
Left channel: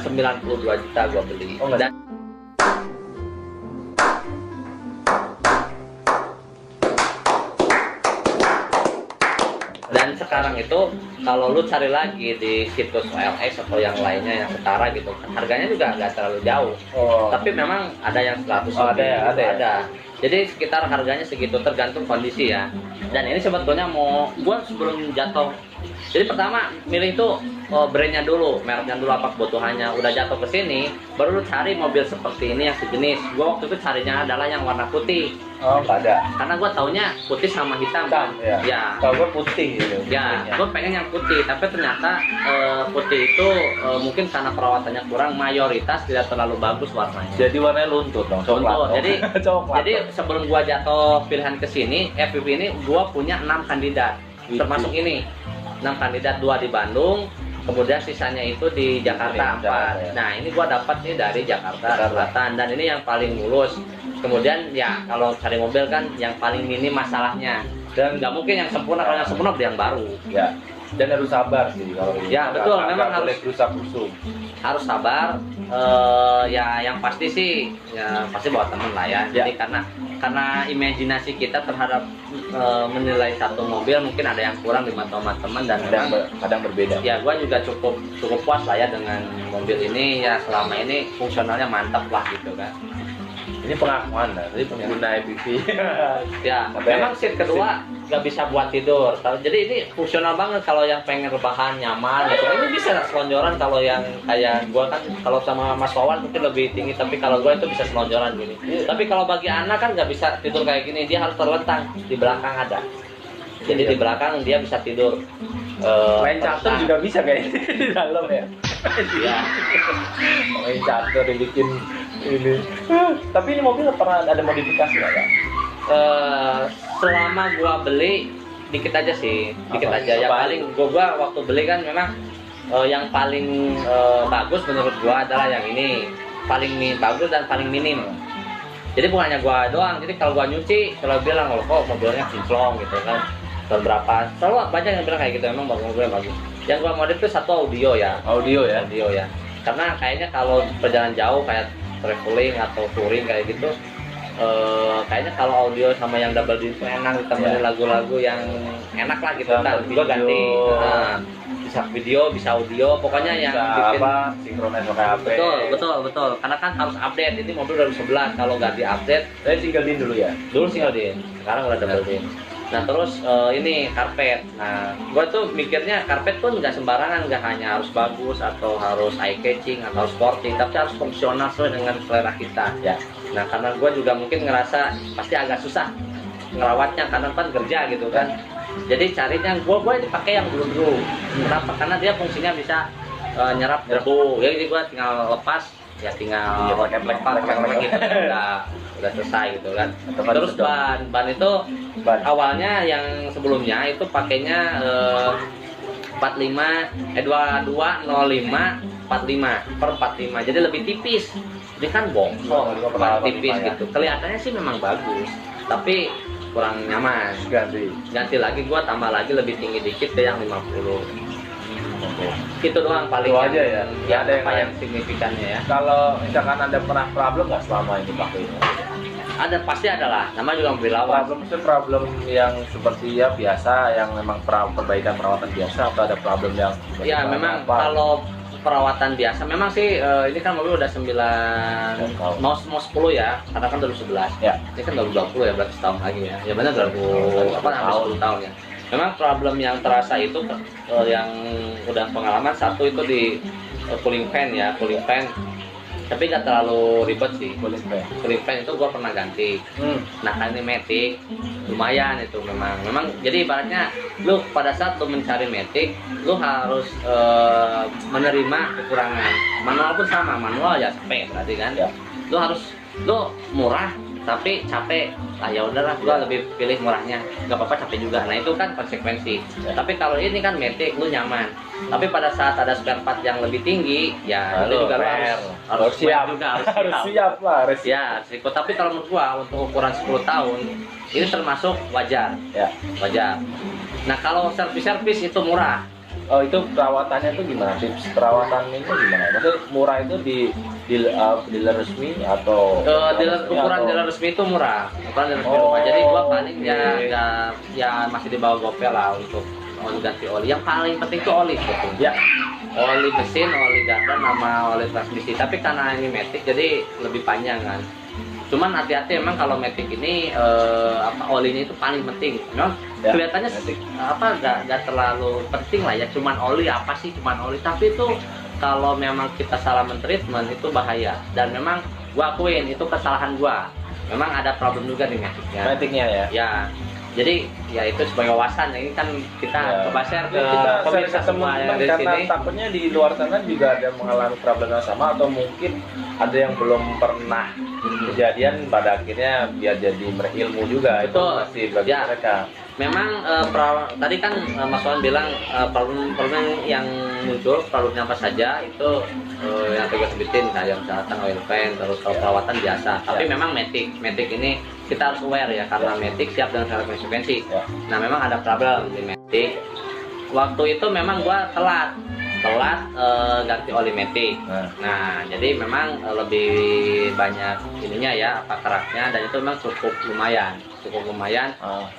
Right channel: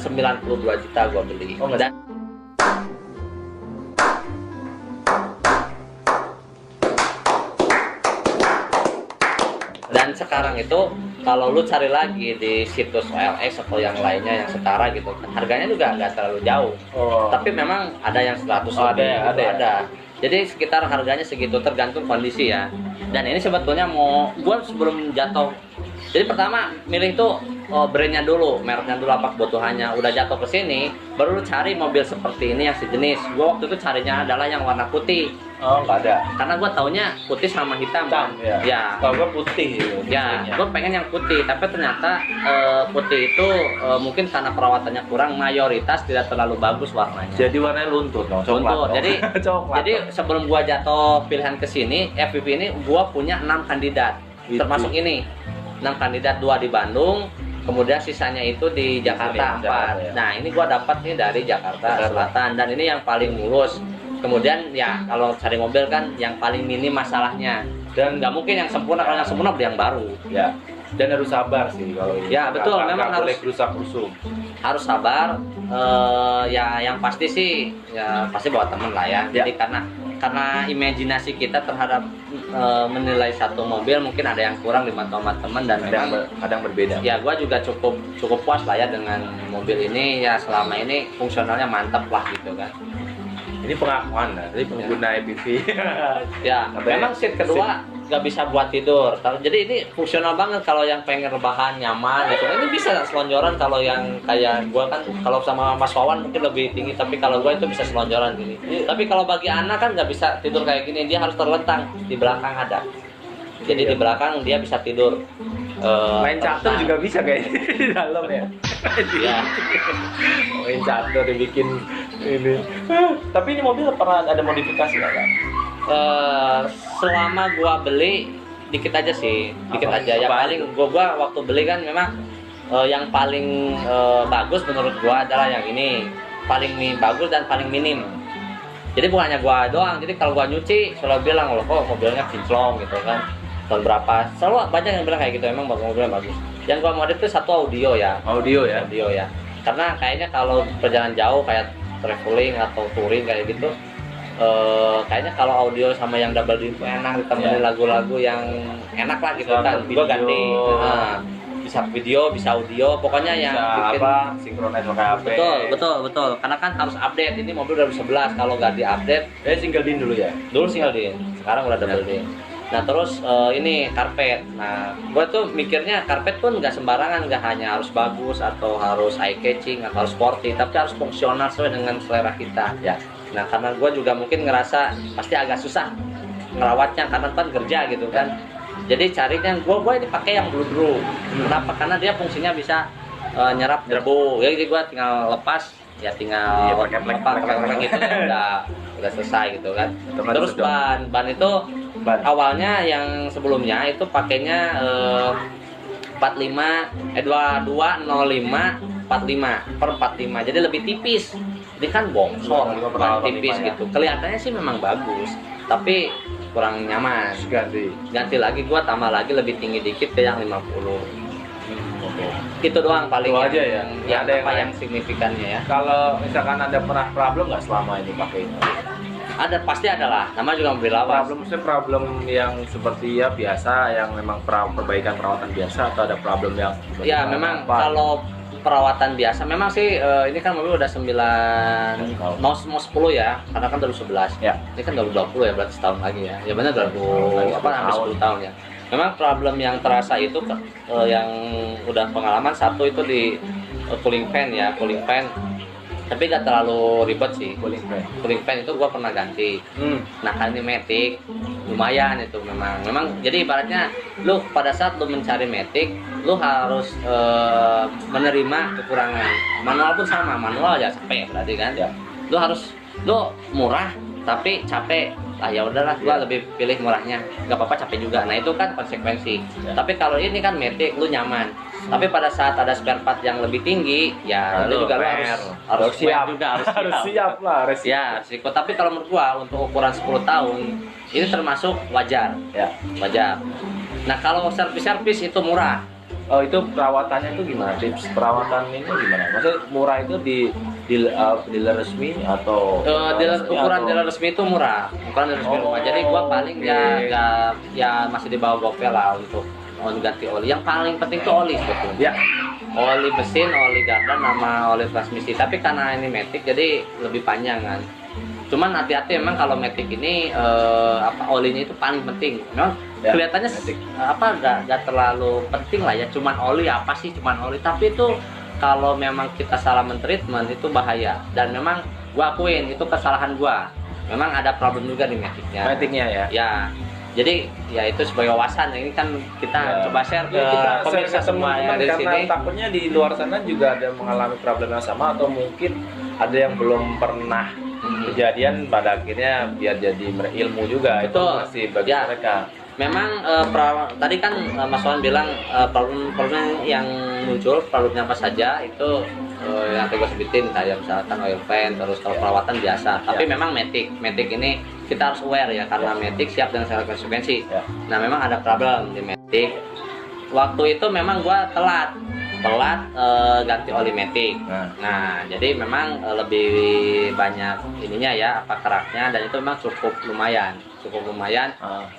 92 juta gua beli. Oh, dan sekarang itu kalau lu cari lagi di situs OLX atau yang lainnya yang setara gitu, harganya juga nggak terlalu jauh. Tapi memang ada yang 100 ada. Jadi sekitar harganya segitu, tergantung kondisi ya. Dan ini sebetulnya gua sebelum jatuh, jadi pertama milih tuh brandnya dulu, mereknya dulu, apa kebutuhannya. Udah jatuh ke sini, baru lu cari mobil seperti ini yang sejenis. Gua waktu itu carinya adalah yang warna putih. Oh, nggak ada. Karena gua taunya putih sama hitam. Ya. Kalau gua putih gitu. Ya, gua pengen yang putih, tapi ternyata putih itu mungkin karena perawatannya kurang, mayoritas tidak terlalu bagus warnanya. Jadi warnanya luntur dong. Luntur. Jadi coklat. Jadi sebelum gua jatuh pilihan ke sini, FPV ini gua punya 6 kandidat. Termasuk ini. 6 kandidat, 2 di Bandung, kemudian sisanya itu di Jakarta 4. Nah, ini gua dapat nih dari Jakarta Selatan, dan ini yang paling mulus. Kemudian ya kalau cari mobil kan yang paling minim masalahnya, dan nggak mungkin yang sempurna. Kalau yang sempurna beli yang baru. Ya. Dan harus sabar sih kalau ini. Ya betul, memang harus rusak-rusuk. Harus sabar. Ya yang pasti sih ya pasti bawa temen lah ya. Jadi karena imajinasi kita terhadap menilai satu mobil mungkin ada yang kurang di mata teman, dan kadang berbeda. Ya gua juga cukup puas lah ya dengan mobil ini, ya selama ini fungsionalnya mantap lah gitu kan. Ini pengakuan lah, jadi pengguna EPV. Ya, memang seat kedua nggak bisa buat tidur. Jadi ini fungsional banget kalau yang pengen rebahan nyaman gitu. Ini bisa selonjoran, kalau yang kayak gua kan kalau sama Mas Wawan mungkin lebih tinggi, tapi kalau gua itu bisa selonjoran gini. Tapi kalau bagi anak kan nggak bisa tidur kayak gini, dia harus terlentang, di belakang ada. Jadi di belakang dia bisa tidur. Main catur juga bisa kayaknya di dalam ya. Iya. Main catur dibikin ini. Tapi ini mobil pernah ada modifikasi nggak, Kak? Selama gua beli dikit aja sih, dikit aja. Yang paling gua waktu beli kan memang yang paling bagus menurut gua adalah yang ini, paling bagus dan paling minim. Jadi bukan hanya gua doang, jadi kalau gua nyuci selalu bilang loh kok mobilnya kinclong gitu kan. tahun berapa, selalu banyak yang bilang kayak gitu, emang mobilnya bagus. Yang gua modif itu satu audio ya, Audio ya. karena kayaknya kalau perjalanan jauh kayak traveling atau touring kayak gitu, kayaknya kalau audio sama yang double din itu enak, ditemenin lagu-lagu yang enak lah gitu kan. Gua ganti, bisa video, bisa audio, pokoknya yang Bisa bikin sinkronis pakai HP. betul, karena kan harus update. Ini mobil 2011, kalau nggak diupdate, Saya single din dulu ya. dulu single din, sekarang udah double din. Nah terus ini karpet. Nah gue tuh mikirnya karpet pun nggak sembarangan, nggak hanya harus bagus atau harus eye catching atau sporty, tapi harus fungsional sesuai dengan selera kita. Ya. Nah karena gue juga mungkin ngerasa pasti agak susah ngerawatnya karena kan kerja gitu kan. Jadi carinya gue ini pakai yang blue. Kenapa? Karena dia fungsinya bisa nyerap debu. Jadi gue tinggal lepas, ya tinggal Iya, pakai lepas gitu, udah selesai gitu kan. Otomatis Terus dong. ban itu Ban. awalnya yang sebelumnya itu pakainya 2205 45 per 45, jadi lebih tipis. Jadi kan bongsor, ban tipis ya. gitu. Kelihatannya sih memang bagus, tapi kurang nyaman. Ganti lagi, gua tambah lagi lebih tinggi dikit ke yang 50. Oke. Itu doang paling Itu aja ya? yang Ada yang apa lain? yang signifikannya ya. Kalau misalkan ada pernah problem nggak selama ini pakai ini? Ada, pasti ada lah. Nama juga mobil lawas. Problem yang seperti ya biasa, yang memang perbaikan perawatan biasa, atau ada problem yang Ya memang apa? kalau perawatan biasa memang sih ini kan mobil udah 9 mau 10 ya, karena kan 2011 Ya. ini kan 2020 ya, berarti setahun lagi ya. Ya benar 2000 apa hampir 10 tahun ya. Memang problem yang terasa itu yang udah pengalaman, satu itu di cooling fan ya, cooling fan, tapi gak terlalu ribet sih. Cooling fan. Cooling fan itu gua pernah ganti. Nah kan ini Matic lumayan itu memang jadi ibaratnya lu pada saat lu mencari Matic, lu harus menerima kekurangan. Manual pun sama, manual ya capek berarti kan. Ya. Lu murah tapi capek. Ah ya udahlah, gua lebih pilih murahnya. Gak apa-apa capek juga. Nah itu kan konsekuensi. Tapi kalau ini kan Matic lu nyaman. Tapi pada saat ada spare part yang lebih tinggi, ya lu juga harus siap juga harus harus siap lah, harus Ya, risiko. Tapi kalau menurut gua untuk ukuran 10 tahun ini termasuk wajar. ya. Wajar. Nah, kalau servis itu murah. Oh, itu perawatannya itu gimana? Tips perawatan ini gimana? Maksudnya murah itu di dealer resmi atau Ukuran dealer resmi itu murah. Ukuran dealer resmi murah. Jadi gua paling oke. ya masih di bawah GoPay lah untuk mau ganti oli. Yang paling penting itu oli sebetulnya. Ya. Oli mesin, oli gardan, sama oli transmisi. Tapi karena ini Matic jadi lebih panjang kan. Cuman hati-hati memang kalau Matic ini olinya itu paling penting. Memang Ya, kelihatannya Matic. gak terlalu penting lah ya. Cuman oli apa sih? Cuman oli. Tapi itu kalau memang kita salah mentreatment itu bahaya. Dan memang gua akuin itu kesalahan gua. Memang ada problem juga di Maticnya. Maticnya ya. Ya. Jadi ya itu sebagai wawasan, ini kan kita Ya. coba share ke Kita pemirsa share ke semua yang di karena sini. takutnya di luar sana juga ada mengalami problem yang sama, atau mungkin ada yang belum pernah kejadian, pada akhirnya biar jadi ilmu juga. Betul. Itu masih bagi Ya. mereka. Memang tadi kan Mas Wan bilang problem yang muncul problemnya apa saja itu yang kita sebutin kayak misalkan oil pan, terus kalau perawatan biasa. Tapi memang Matic ini kita harus aware ya, karena Matic siap dengan segala konsekuensi. Ya. Nah memang ada problem di Matic. Waktu itu memang gua telat ganti oli Matic. Nah, jadi memang lebih banyak ininya ya, apa keraknya, dan itu memang cukup lumayan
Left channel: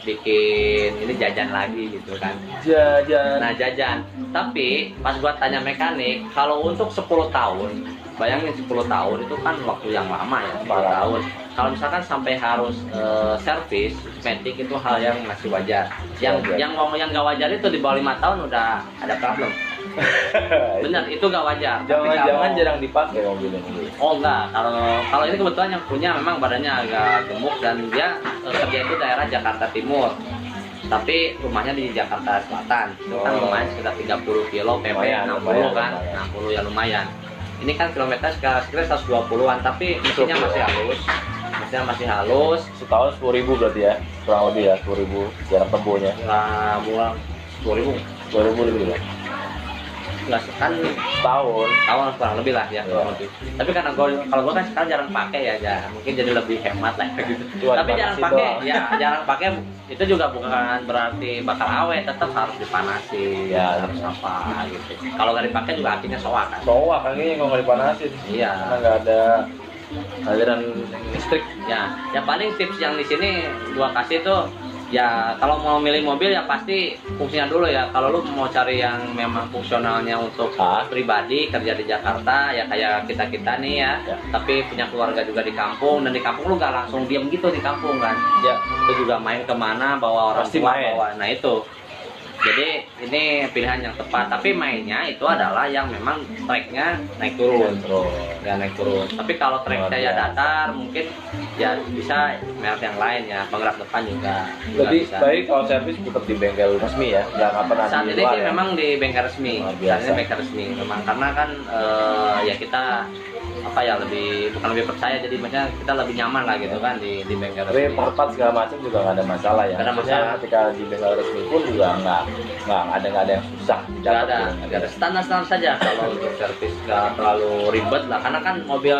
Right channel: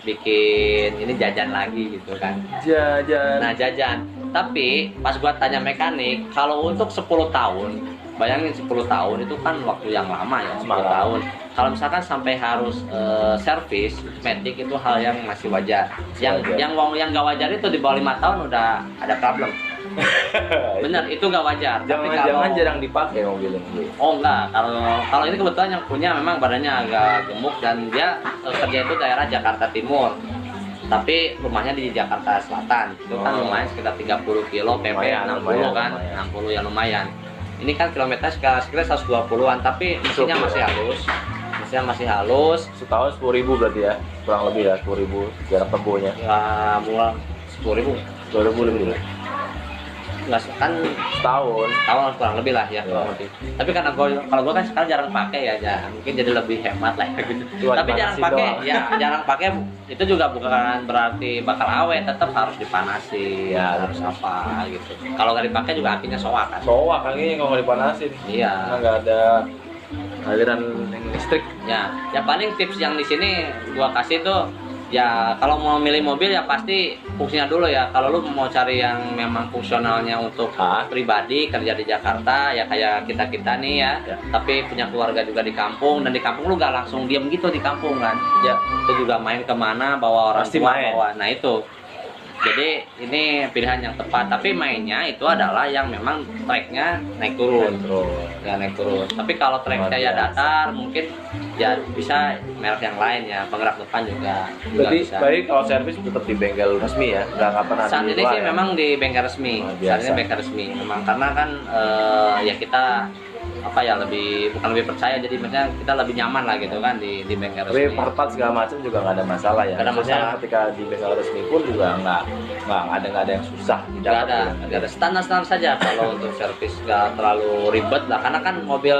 bikin ini jajan lagi gitu kan. Jajan. Nah, jajan. Tapi pas gua tanya mekanik, kalau untuk 10 tahun, bayangin 10 tahun itu kan waktu yang lama ya, 10 tahun. Kalau misalkan sampai harus servis Matic itu hal yang masih wajar. Yang nggak wajar itu di bawah 5 tahun udah ada problem. Benar, itu nggak wajar. Tapi Jangan-jangan kalau- jarang dipakai mobil ini. Oh enggak, kalau ini kebetulan yang punya memang badannya agak gemuk, dan dia kerja itu daerah Jakarta Timur. Tapi rumahnya di Jakarta Selatan. Itu kan lumayan sekitar 30 kilo, PP Lumayan, 60 kan. lumayan. 60 ya lumayan. Ini kan kilometer sekitar 120-an, tapi mesinnya masih halus. Setahun 10.000 berarti ya, kurang lebih ya 10.000 jarak tempuhnya. Ya, murah 10.000. 2.000 lebih lah. nggak kan Tahun. tahun kurang lebih lah ya kurang lebih. Tapi karena kalau gue kan sekarang jarang pakai ya, mungkin jadi lebih hemat lah gitu. Cuma Tapi jarang dipanasin pakai, doang. ya jarang pakai itu juga bukan berarti bakal awet, tetap harus dipanasin, Ya, harus apa gitu. Kalau nggak dipakai juga apinya soak kan. Soak kayaknya kalau nggak dipanasin. Iya. Karena nggak ada aliran listrik. Ya, ya paling tips yang di sini gua kasih tuh ya kalau mau milih mobil ya pasti fungsinya dulu ya. Kalau lu mau cari yang memang fungsionalnya untuk pribadi kerja di Jakarta ya kayak kita nih ya, tapi punya keluarga juga di kampung dan di kampung lu gak langsung diem gitu di kampung kan. Ya. Lu juga main kemana bawa orang Pasti tua main. bawa. Nah itu. Jadi ini pilihan yang tepat. Tapi mainnya itu adalah yang memang tracknya naik turun. Ya naik turun. Tapi kalau tracknya ya datar mungkin ya bisa merek yang lain ya. Penggerak depan juga Lebih bisa. baik kalau servis tetap di bengkel resmi ya, nggak pernah Saat di ini luar sih ya. memang di bengkel resmi. Oh, Saat biasa. ini bengkel resmi memang karena kan ya kita apa ya lebih bukan lebih percaya jadi maksudnya kita lebih nyaman lah gitu kan di bengkel Tapi resmi. part-part segala macam juga nggak ada masalah ya. Nggak ada Maksudnya masalah. ketika di bengkel resmi pun juga nggak ada yang susah. Nggak ada standar saja kalau untuk servis nggak terlalu ribet lah karena kan mobil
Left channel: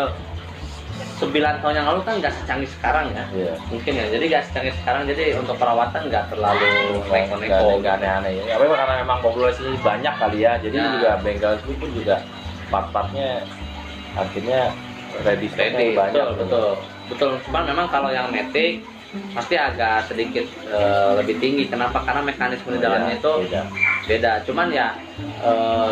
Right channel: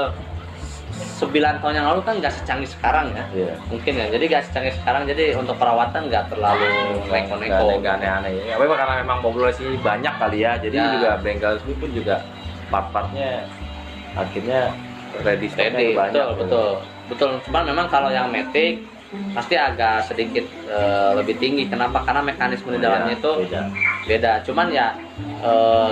9 tahun yang lalu kan nggak secanggih sekarang ya. Iya. Mungkin ya jadi nggak secanggih sekarang jadi untuk perawatan nggak terlalu neko-neko. Nggak aneh-aneh ya. Tapi karena memang populasi banyak kali ya, jadi Ya. juga bengkel resmi pun juga part-partnya akhirnya ready Ready, stocknya betul. Cuman memang kalau yang Matic pasti agak sedikit lebih tinggi. Kenapa? Karena mekanisme di dalamnya itu beda. Cuman ya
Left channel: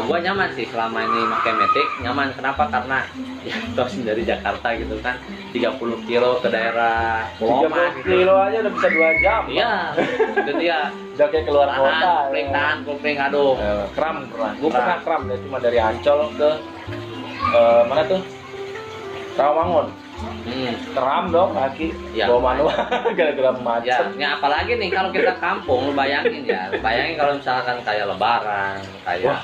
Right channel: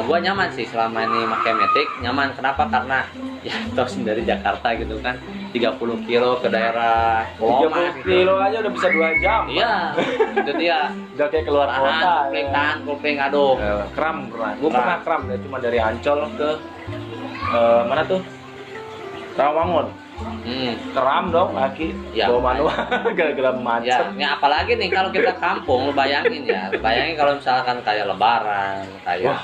gua nyaman sih selama ini pakai Matic, nyaman. Kenapa? Karena ya tau sendiri Jakarta gitu kan 30 kilo ke daerah Pulau 30 kilo aja udah bisa 2 jam. Iya, itu dia. Udah kayak keluar kota. Tahan, kopling, aduh. Kram pernah. Gue pernah kram ya, cuma dari Ancol ke mana tuh? Rawamangun. Kram dong kaki, Ya. bawa manual gara-gara Ya, macet. ini apalagi nih kalau kita kampung, lu bayangin ya. Bayangin kalau misalkan kayak Lebaran, kayak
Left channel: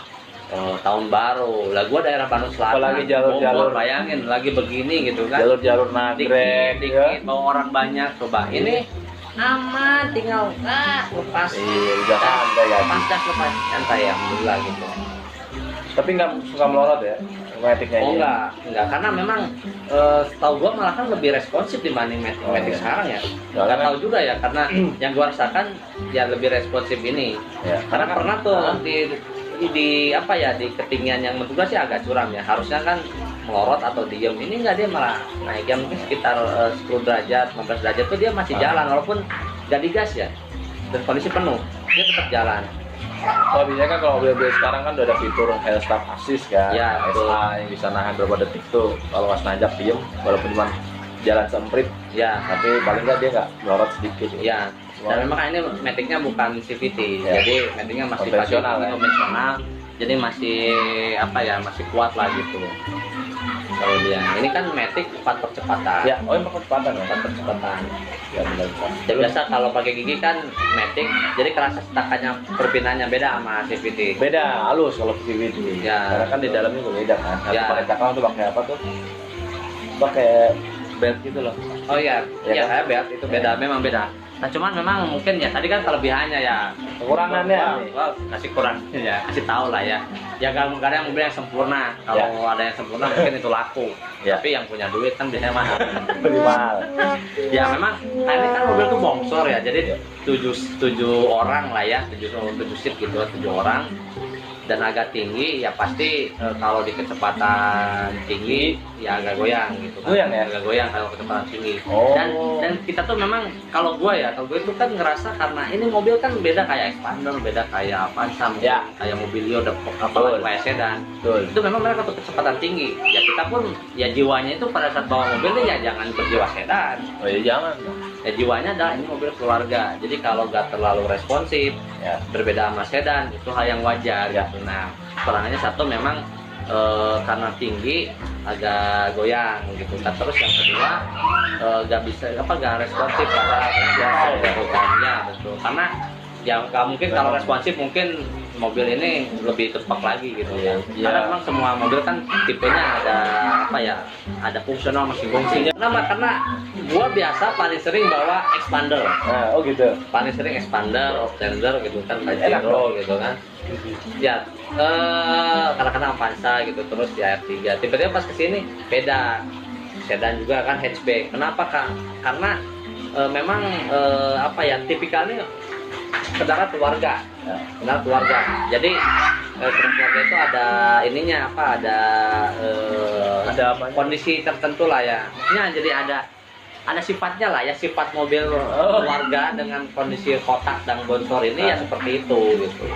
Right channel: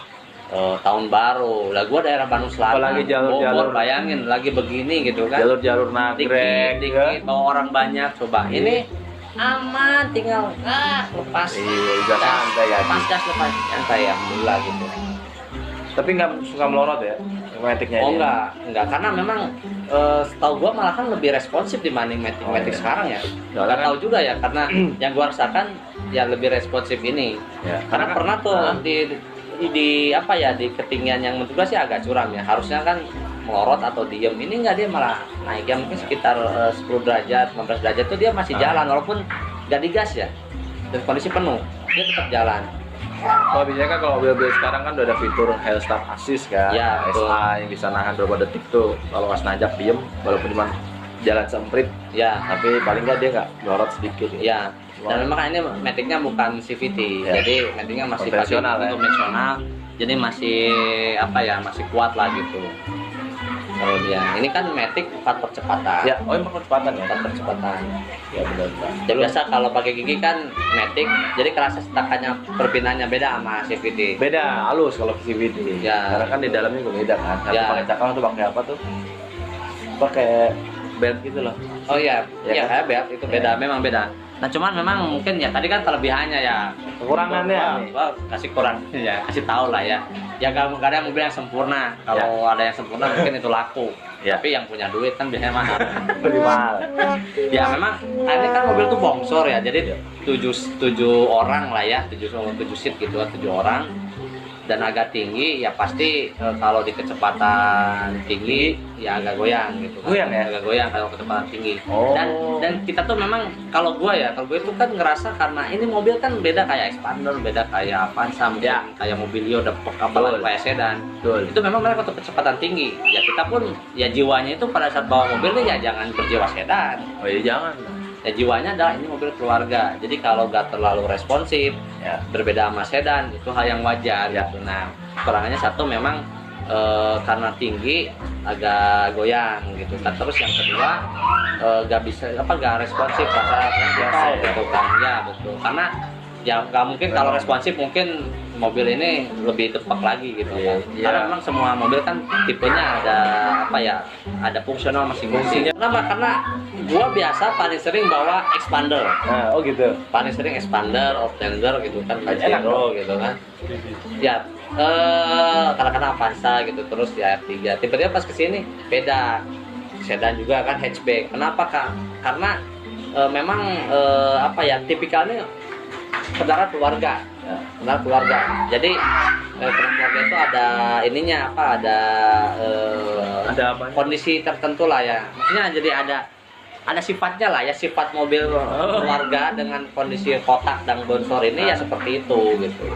tahun baru. Lah gua daerah Bandung Selatan. Apalagi jalur-jalur. Bogor, bayangin lagi begini gitu kan. Jalur-jalur nagrek, Dikit bawa orang banyak coba. Ini aman tinggal lepas. Iya, udah santai ya. Lepas gas lepas santai alhamdulillah gitu. Tapi nggak suka melorot ya, matiknya. Oh enggak karena memang setahu gua malah kan lebih responsif dibanding Matic Oh, iya. sekarang ya. Soalnya Nggak tahu juga ya karena yang gua rasakan ya lebih responsif ini. Ya, Karena pernah tuh di apa ya di ketinggian yang menurut gua sih agak curam ya. Harusnya kan melorot atau diem. Ini enggak, dia malah naik yang mungkin sekitar 10 derajat, 15 derajat tuh dia masih jalan walaupun nggak digas ya. Dan kondisi penuh, dia tetap jalan. kalau biasanya kan kalau mobil-mobil sekarang kan udah ada fitur Hill Stop Assist kan, Ya, betul. SA yang bisa nahan berapa detik tuh kalau pas nanjak diem, walaupun cuma jalan semprit, Ya, tapi paling nggak dia nggak melorot sedikit. ya. Dan memang ini Matic-nya bukan CVT, Ya. jadi Matic-nya masih Konvensional, pakai ya. konvensional, jadi masih apa ya masih kuat lah gitu. Kalau dia ini kan Matic 4 percepatan. Ya, oh ini percepatan ya. 4 percepatan. Ya benar. Dan biasa kalau pakai gigi kan Matic, jadi kerasa setakannya perpindahannya beda sama CVT. Beda, halus kalau CVT. Ya. Karena kan di dalamnya juga beda kan. Kalau Ya. pakai cakram tuh pakai apa tuh? Pakai belt gitu loh. Oh iya, Ya iya kan? kayak belt itu beda, memang beda. Nah cuman memang mungkin ya tadi kan kelebihannya ya. Kekurangannya. Wah, kasih kurang ya, kasih tahu lah ya. Ya gak ada yang mobil yang sempurna. Kalau ada yang sempurna mungkin itu laku. Ya. Tapi yang punya duit kan biasanya mahal. Lebih mahal. Ya memang ini kan mobil tuh bongsor ya. Jadi 7 orang lah ya, 7 seat gitu, 7 orang. Dan agak tinggi ya pasti kalau di kecepatan tinggi ya agak goyang gitu kan. Goyang ya? Agak goyang kalau kecepatan tinggi. Oh. Dan kita tuh memang kalau gue itu kan ngerasa karena ini mobil kan beda kayak Expander, beda kayak Avanza, Ya. kayak Mobilio, apalagi kayak sedan. Betul. Itu memang mereka tuh kecepatan tinggi. Ya kita pun ya jiwanya itu pada saat bawa mobil nih ya jangan berjiwa sedan. Oh iya jangan. Ya jiwanya adalah ini mobil keluarga. Jadi kalau nggak terlalu responsif, Ya. berbeda sama sedan itu hal yang wajar. Ya. Gitu. Nah, kekurangannya satu memang karena tinggi agak goyang gitu. Nah, terus yang kedua nggak responsif karena biasa gitu kan. Ya betul. Karena ya nggak mungkin kalau responsif mungkin mobil ini lebih tepat lagi gitu Iya, kan. iya. Karena memang semua mobil kan tipenya ada apa ya, ada fungsional masing-masing. Kenapa? Karena gua biasa paling sering bawa expander, Nah, oh gitu. paling sering expander, Outlander gitu kan, Enak Pajero gitu kan. Ya, kadang-kadang Avanza gitu, terus di AR3. Tiba-tiba pas kesini beda, sedan juga kan, hatchback. Kenapa Kak? Karena memang apa ya, tipikalnya kendaraan keluarga, kendaraan keluarga. Jadi kendaraan keluarga itu ada ininya apa, ada kondisi tertentu lah ya. Maksudnya jadi ada sifatnya lah ya, sifat mobil keluarga dengan kondisi kotak dan bonsor ini ya seperti itu gitu.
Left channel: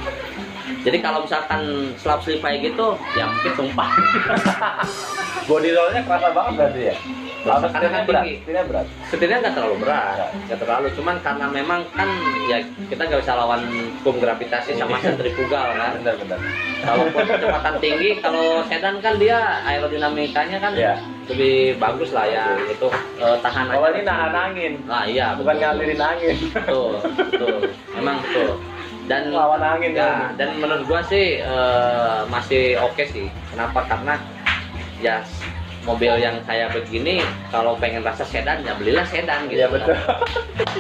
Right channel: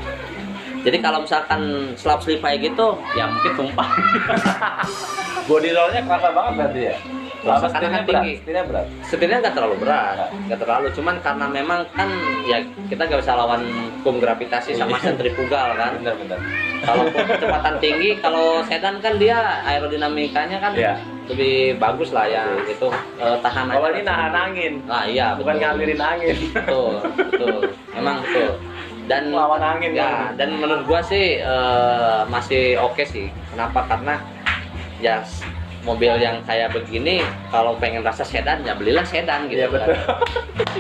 Jadi kalau misalkan slap slip kayak gitu, ya mungkin tumpah. Body rollnya kerasa banget berarti ya. Kerasa karena Setirnya tinggi. Setirnya berat. Sebenarnya nggak terlalu berat, nggak terlalu. Cuman karena memang kan ya kita nggak bisa lawan hukum gravitasi sama sentrifugal kan. Benar. Kalaupun kecepatan tinggi, kalau sedan kan dia aerodinamikanya kan Iya. lebih bagus lah ya. Itu tahan. Kalau ini nahan angin, Nah iya, bukan betul. ngalirin angin. Betul, memang betul. Dan Lawan angin ya, kan. dan menurut gua sih masih oke sih. Kenapa? Karena ya mobil yang kayak begini kalau pengen rasa sedan ya belilah sedan gitu. Iya betul.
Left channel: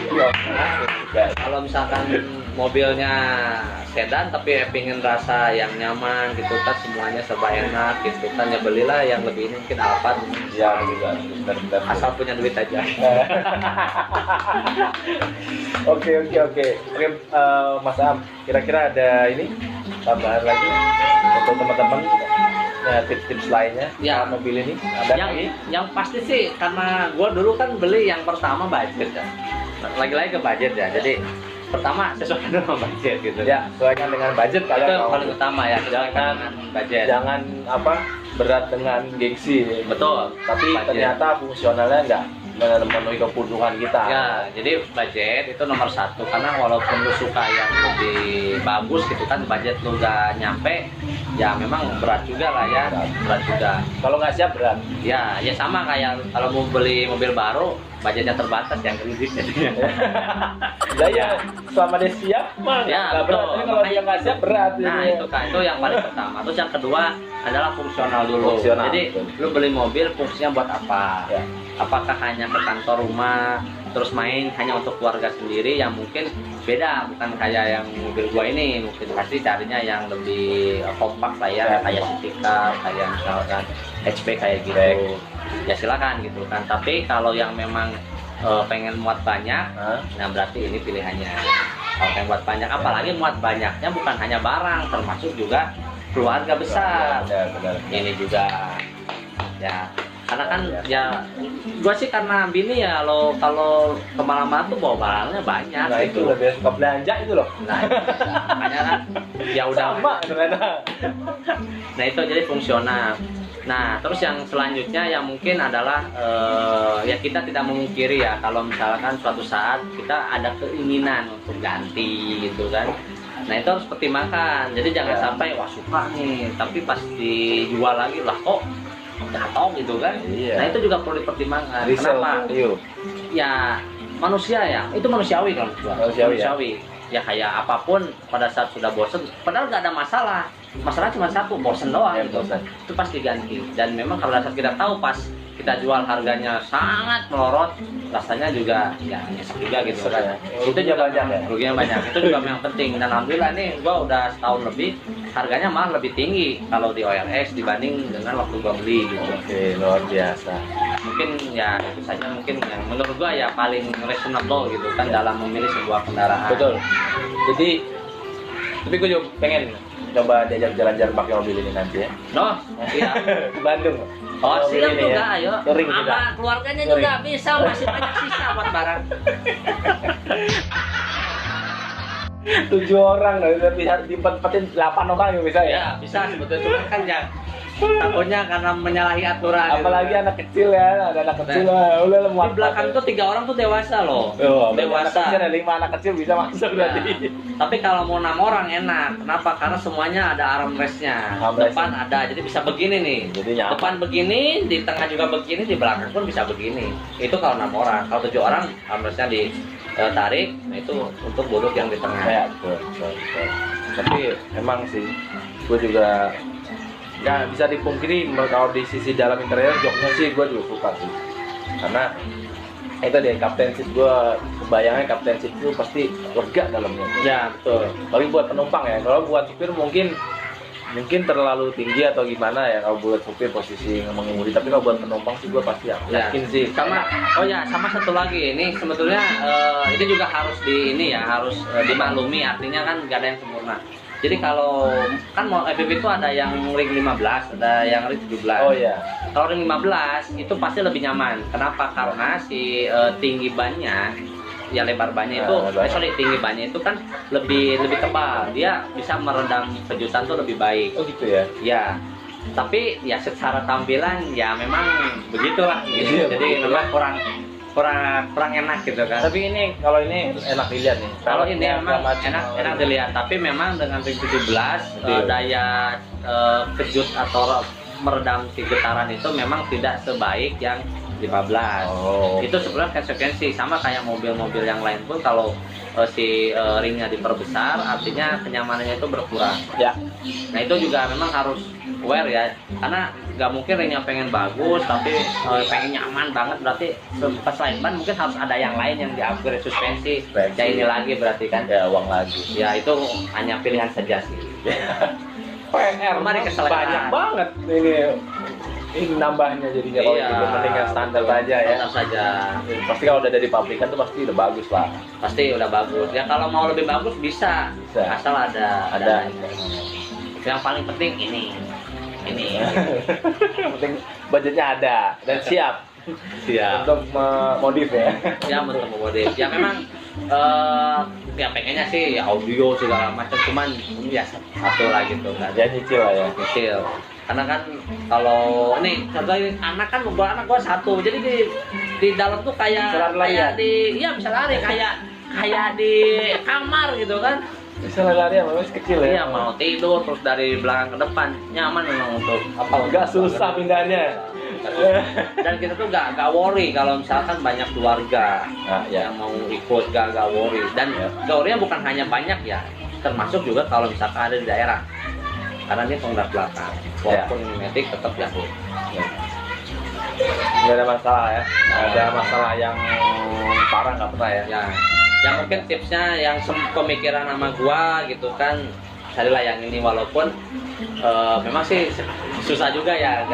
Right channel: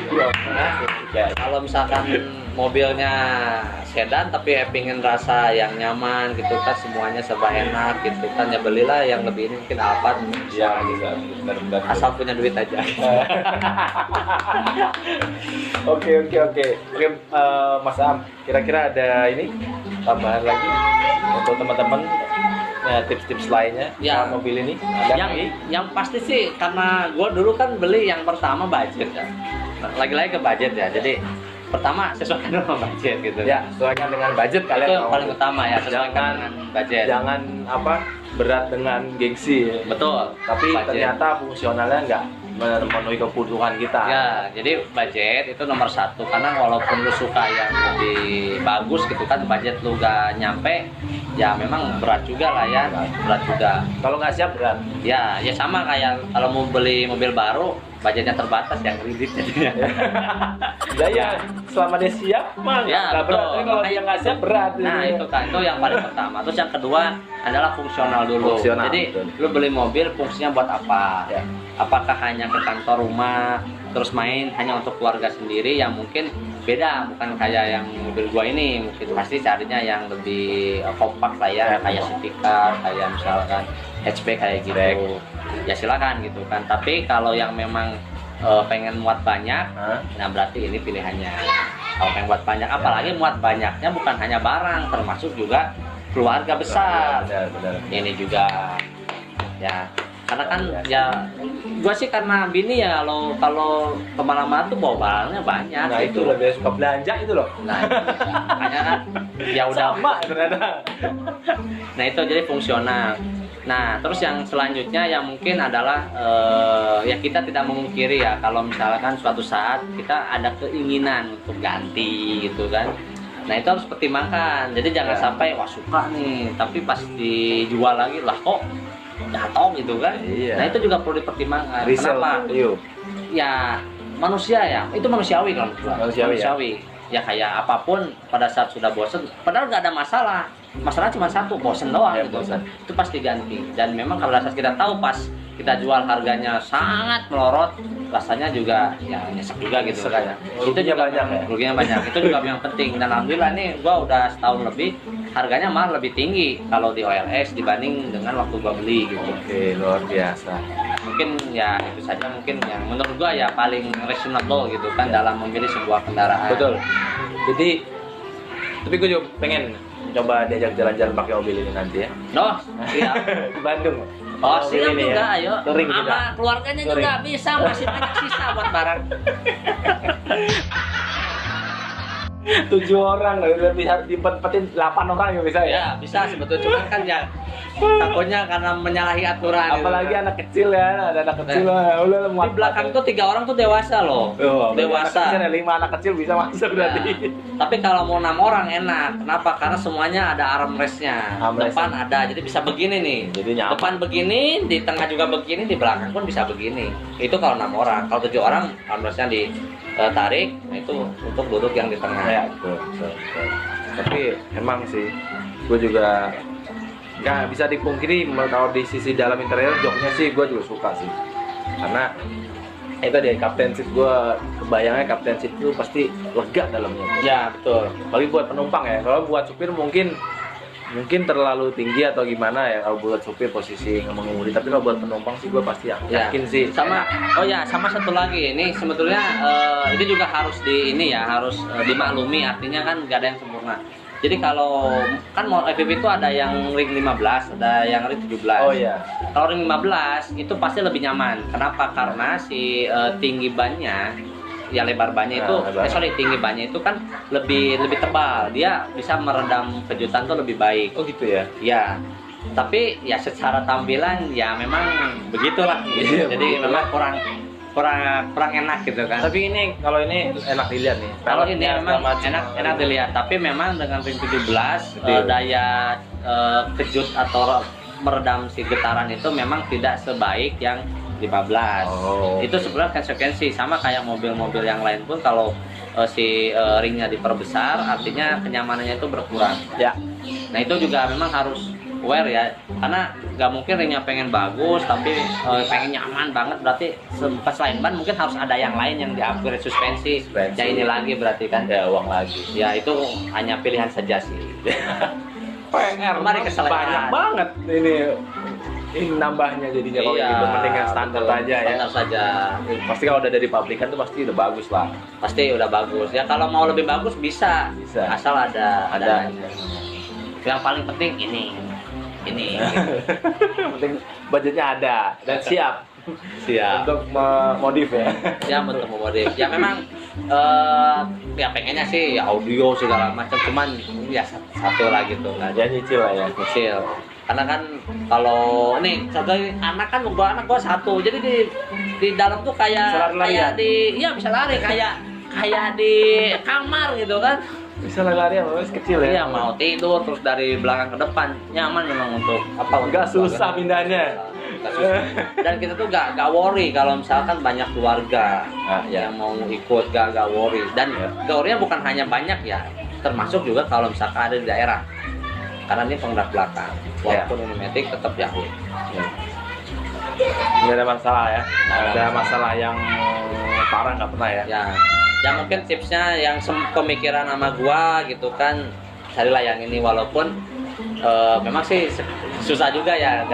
Iya. Nah, kalau misalkan mobilnya sedan tapi pengen rasa yang nyaman gitu kan, semuanya serba enak gitu kan, ya belilah yang lebih ini, mungkin Alphard. Iya juga. Benar. Asal punya duit aja. Oke, Mas Am, kira-kira ada ini tambahan lagi untuk teman-teman ya, tips-tips lainnya Ya. mobil ini ada lagi? yang pasti sih karena gue dulu kan beli yang pertama budget ya, lagi-lagi ke budget ya, jadi pertama sesuaikan dengan budget gitu Ya, sesuaikan dengan budget kalian. itu yang mau. paling utama ya, sesuaikan dengan budget. Jangan apa berat dengan gengsi. Betul, Tapi budget. ternyata fungsionalnya nggak memenuhi kebutuhan kita. Ya, jadi budget itu nomor satu, karena walaupun lu suka yang lebih bagus gitu kan, budget lu gak nyampe, ya memang berat juga lah ya, berat juga. Kalau nggak siap berat. Ya sama kayak kalau mau beli mobil baru, budgetnya terbatas yang kredit jadinya. Ya, selama dia siap mah Ya, nggak berat. betul. Tapi kalau dia nggak siap berat. Nah ini. itu kan, itu yang paling pertama. Terus yang kedua adalah fungsional dulu. Fungsional, Jadi betul. lu beli mobil fungsinya buat apa? Ya. Apakah hanya ke kantor, rumah, terus main hanya untuk keluarga sendiri, yang mungkin beda, bukan kayak yang mobil gua ini. Mungkin pasti carinya yang lebih kompak lah ya, Ya. kayak city car, kayak misalkan hatchback kayak gitu. Ya silakan gitu kan. Tapi kalau yang memang pengen muat banyak, Hah? nah berarti ini pilihannya. Kalau pengen muat banyak, apalagi muat banyaknya bukan hanya barang, termasuk juga keluarga besar. Benar. Ini juga ya, karena kan ya gua sih karena bini ya, kalau kemana-mana tuh bawa barangnya banyak Nah itu gitu. lebih suka belanja itu loh. Nah, makanya kan ya udah. Sama ternyata. Nah itu jadi fungsional. Nah terus yang selanjutnya yang mungkin adalah ya kita tidak memungkiri ya, kalau misalkan suatu saat kita ada keinginan untuk ganti gitu kan. Nah itu harus pertimbangkan. Jadi jangan Ya. sampai wah suka nih, tapi pas dijual lagi lah kok jatuh gitu kan. Iya. Nah itu juga perlu dipertimbangkan. Resell Kenapa? value. Ya manusia ya, itu manusiawi kan. Manusiawi, Ya kayak apapun pada saat sudah bosen, padahal nggak ada masalah. Masalah cuma satu, bosen doang Ya, gitu. bosen. Itu pasti ganti. Dan memang kalau saat kita tahu pas kita jual harganya sangat melorot, rasanya juga ya nyesek juga gitu Nyesek kan. ya. Itu Ruginya juga banyak ya? Ruginya banyak. Itu juga yang penting. Dan alhamdulillah nih gua udah setahun lebih, harganya malah lebih tinggi kalau di OLX dibanding dengan waktu gua beli gitu. Oke, luar biasa. Mungkin ya itu saja mungkin yang menurut gua ya paling reasonable gitu kan dalam memilih sebuah kendaraan. Betul. Jadi, tapi gue juga pengen coba diajak jalan-jalan pakai mobil ini nanti ya. Noh, iya. Di Bandung. Oh, Mobil silakan ini juga, ya. ayo. Touring Sama juga. keluarganya Touring. juga bisa, masih banyak sisa buat barang. 7 orang, berarti harus diempat-empatin 8 orang ya bisa ya. Ya, bisa sebetulnya, cuma kan ya takutnya karena menyalahi aturan. Apalagi gitu. anak kecil ya, ada anak kecil lah. Udah Di belakang tuh 3 orang tuh dewasa loh. Oh, Dewasa. Ada 5 anak kecil bisa masuk Ya. berarti. Tapi kalau mau 6 orang enak. Kenapa? Karena semuanya ada armrestnya. Armrest. Depan ada, jadi bisa begini nih. Jadi nyaman. Depan begini, di tengah juga begini, di belakang pun bisa begini. Itu kalau 6 orang. Kalau 7 orang, armrestnya ditarik. Nah itu untuk duduk yang di tengah. Ya, betul. Tapi memang sih gue juga nggak bisa dipungkiri kalau di sisi dalam interior joknya sih gue juga suka sih, karena itu dia Captain Seat, gue kebayangnya Captain Seat itu pasti lega dalamnya. Ya betul. Bagi buat penumpang ya, kalau buat supir mungkin terlalu tinggi atau gimana ya kalau buat supir posisi mengemudi, tapi kalau buat penumpang sih gue pasti yakin sih. Sama sama satu lagi, ini sebetulnya ini juga harus harus dimaklumi, artinya kan nggak ada yang sempurna. Jadi kalau kan FPV itu ada yang ring 15, ada yang ring 17. Oh iya. Kalau ring 15 itu pasti lebih nyaman. Kenapa? Karena si tinggi bannya, ya lebar bannya itu, tinggi bannya itu kan lebih tebal. Dia bisa meredam kejutan tuh lebih baik. Oh gitu ya. Ya. Tapi ya secara tampilan ya memang begitulah. Gitu. Jadi memang kurang enak gitu kan. Tapi ini kalau ini enak dilihat nih. Kalau ini memang enak dilihat, tapi memang dengan ring 17 daya kejut atau meredam si getaran itu memang tidak sebaik yang 15. Itu sebenarnya konsekuensi sama kayak mobil-mobil yang lain pun kalau si ringnya diperbesar artinya kenyamanannya itu berkurang. Ya. Nah itu juga memang harus aware ya, karena nggak mungkin ringnya pengen bagus tapi pengen nyaman banget, berarti pas lain ban mungkin harus ada yang lain yang di-upgrade suspensi. Ya ini lagi berarti kan ya uang lagi. ya itu hanya pilihan saja sih. PR Mari kesalahan. banyak banget ini nambahnya jadinya kalau gitu, mending yang standar aja ya. Standar saja. Pasti kalau udah dari pabrikan tuh pasti udah bagus lah. Pasti udah bagus. Ya kalau mau lebih bagus bisa. Asal ada. Yang paling penting ini. Penting budgetnya ada dan siap untuk modif ya. Ya untuk modif. Ya memang ya pengennya sih audio segala macam, cuman ya satu lah gitu. Nah, Ya nyicil lah ya. kecil. Karena kan kalau nih satu lagi, anak gua satu. Jadi di dalam tuh kayak bisa lari kayak di kamar gitu kan. Bisa lari yang masih kecil ya. Iya, mau tidur terus dari belakang ke depan nyaman memang untuk Enggak susah pindahnya. Dan kita tuh gak worry kalau misalkan banyak keluarga yang mau ikut, gak worry. Dan worry-nya bukan hanya banyak ya, termasuk juga kalau misalkan ada di daerah, karena ini penggerak belakang walaupun ini matic tetap jauh. Nggak ada masalah ya. Nggak ada masalah yang parah, nggak pernah ya. Ya mungkin tipsnya yang pemikiran sama gua gitu kan, carilah yang ini, walaupun memang sih susah juga ya,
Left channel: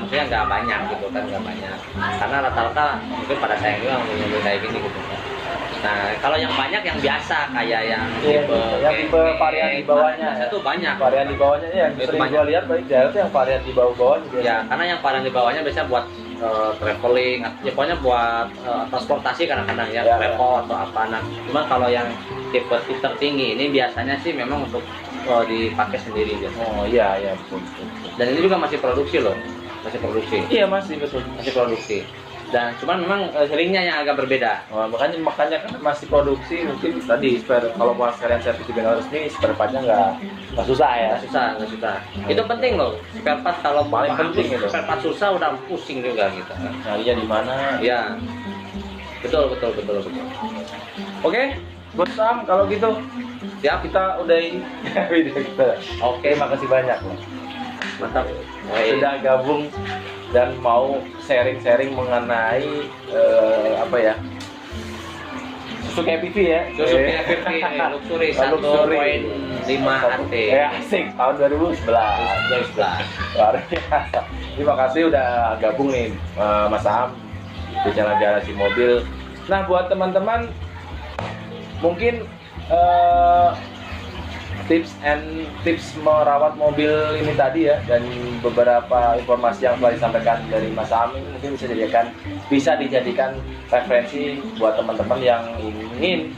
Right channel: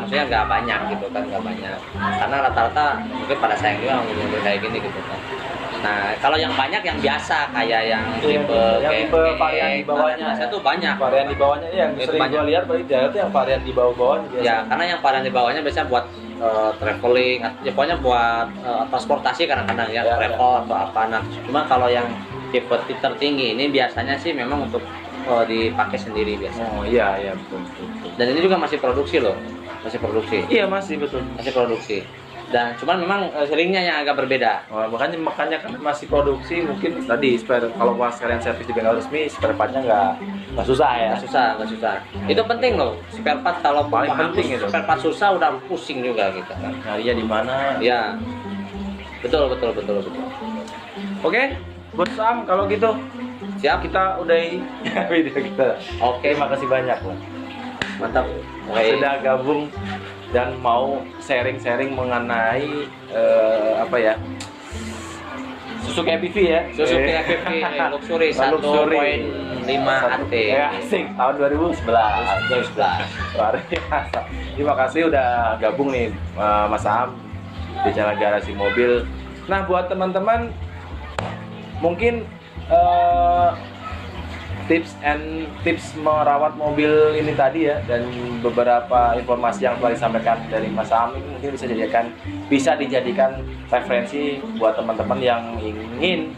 maksudnya nggak banyak gitu kan, nggak banyak, karena rata-rata mungkin pada sayang juga mobil kayak gini gitu kan. Nah kalau yang banyak yang biasa kayak yang tipe varian di bawahnya saya tuh banyak varian di bawahnya ya, yang sering gua lihat baik daerah tuh yang varian di bawah ya, karena yang varian di bawahnya biasanya buat traveling, ya pokoknya buat transportasi kadang-kadang ya, repot atau apa. Nah cuma kalau yang tipe tertinggi ini biasanya sih memang untuk dipakai sendiri biasanya. Oh iya betul. Dan ini juga masih produksi loh, masih produksi. Iya masih produksi. Dan cuman memang seringnya yang agak berbeda. Makanya kan masih produksi, mungkin tadi spare, kalau pas kalian servis di bengkel resmi spare partnya nggak susah ya. Nggak susah. Itu penting loh, spare part kalau paling penting itu. Spare part susah udah pusing juga gitu kan. Nyarinya di mana? Ya. Betul. Oke, buat Sam kalau gitu. Siap, kita udahi video kita. Oke, makasih banyak loh. Mantap. Sudah gabung dan mau sharing mengenai Suzuki FPV ya. Suzuki FPV Luxury 1.5 AT. Asik, tahun 2011. Luar biasa. Terima kasih udah gabung nih Mas Am di channel Garasi Mobil. Nah buat teman-teman mungkin tips merawat mobil ini tadi ya, dan beberapa informasi yang telah disampaikan dari Mas Am ini mungkin bisa dijadikan referensi buat teman-teman yang ingin,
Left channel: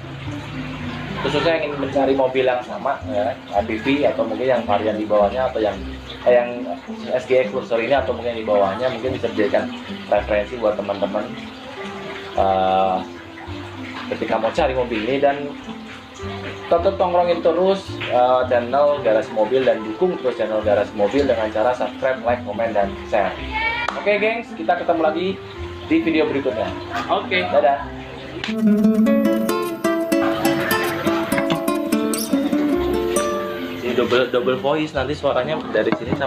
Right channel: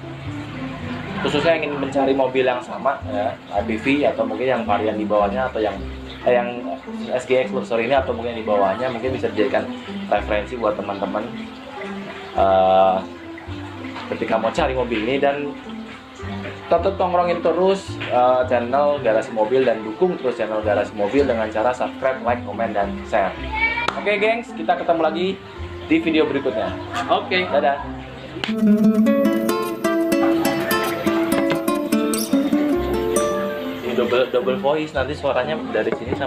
khususnya ingin mencari mobil yang sama ya, ABV atau mungkin yang varian di bawahnya, atau yang SGX Luxury ini atau mungkin di bawahnya, mungkin bisa dijadikan referensi buat teman-teman ketika mau cari mobil ini. Dan tetap tongkrongin terus channel Garasi Mobil dan dukung terus channel Garasi Mobil dengan cara subscribe, like, komen, dan share. Oke gengs, kita ketemu lagi di video berikutnya. Oke. Dadah. double voice nanti suaranya dari sini sama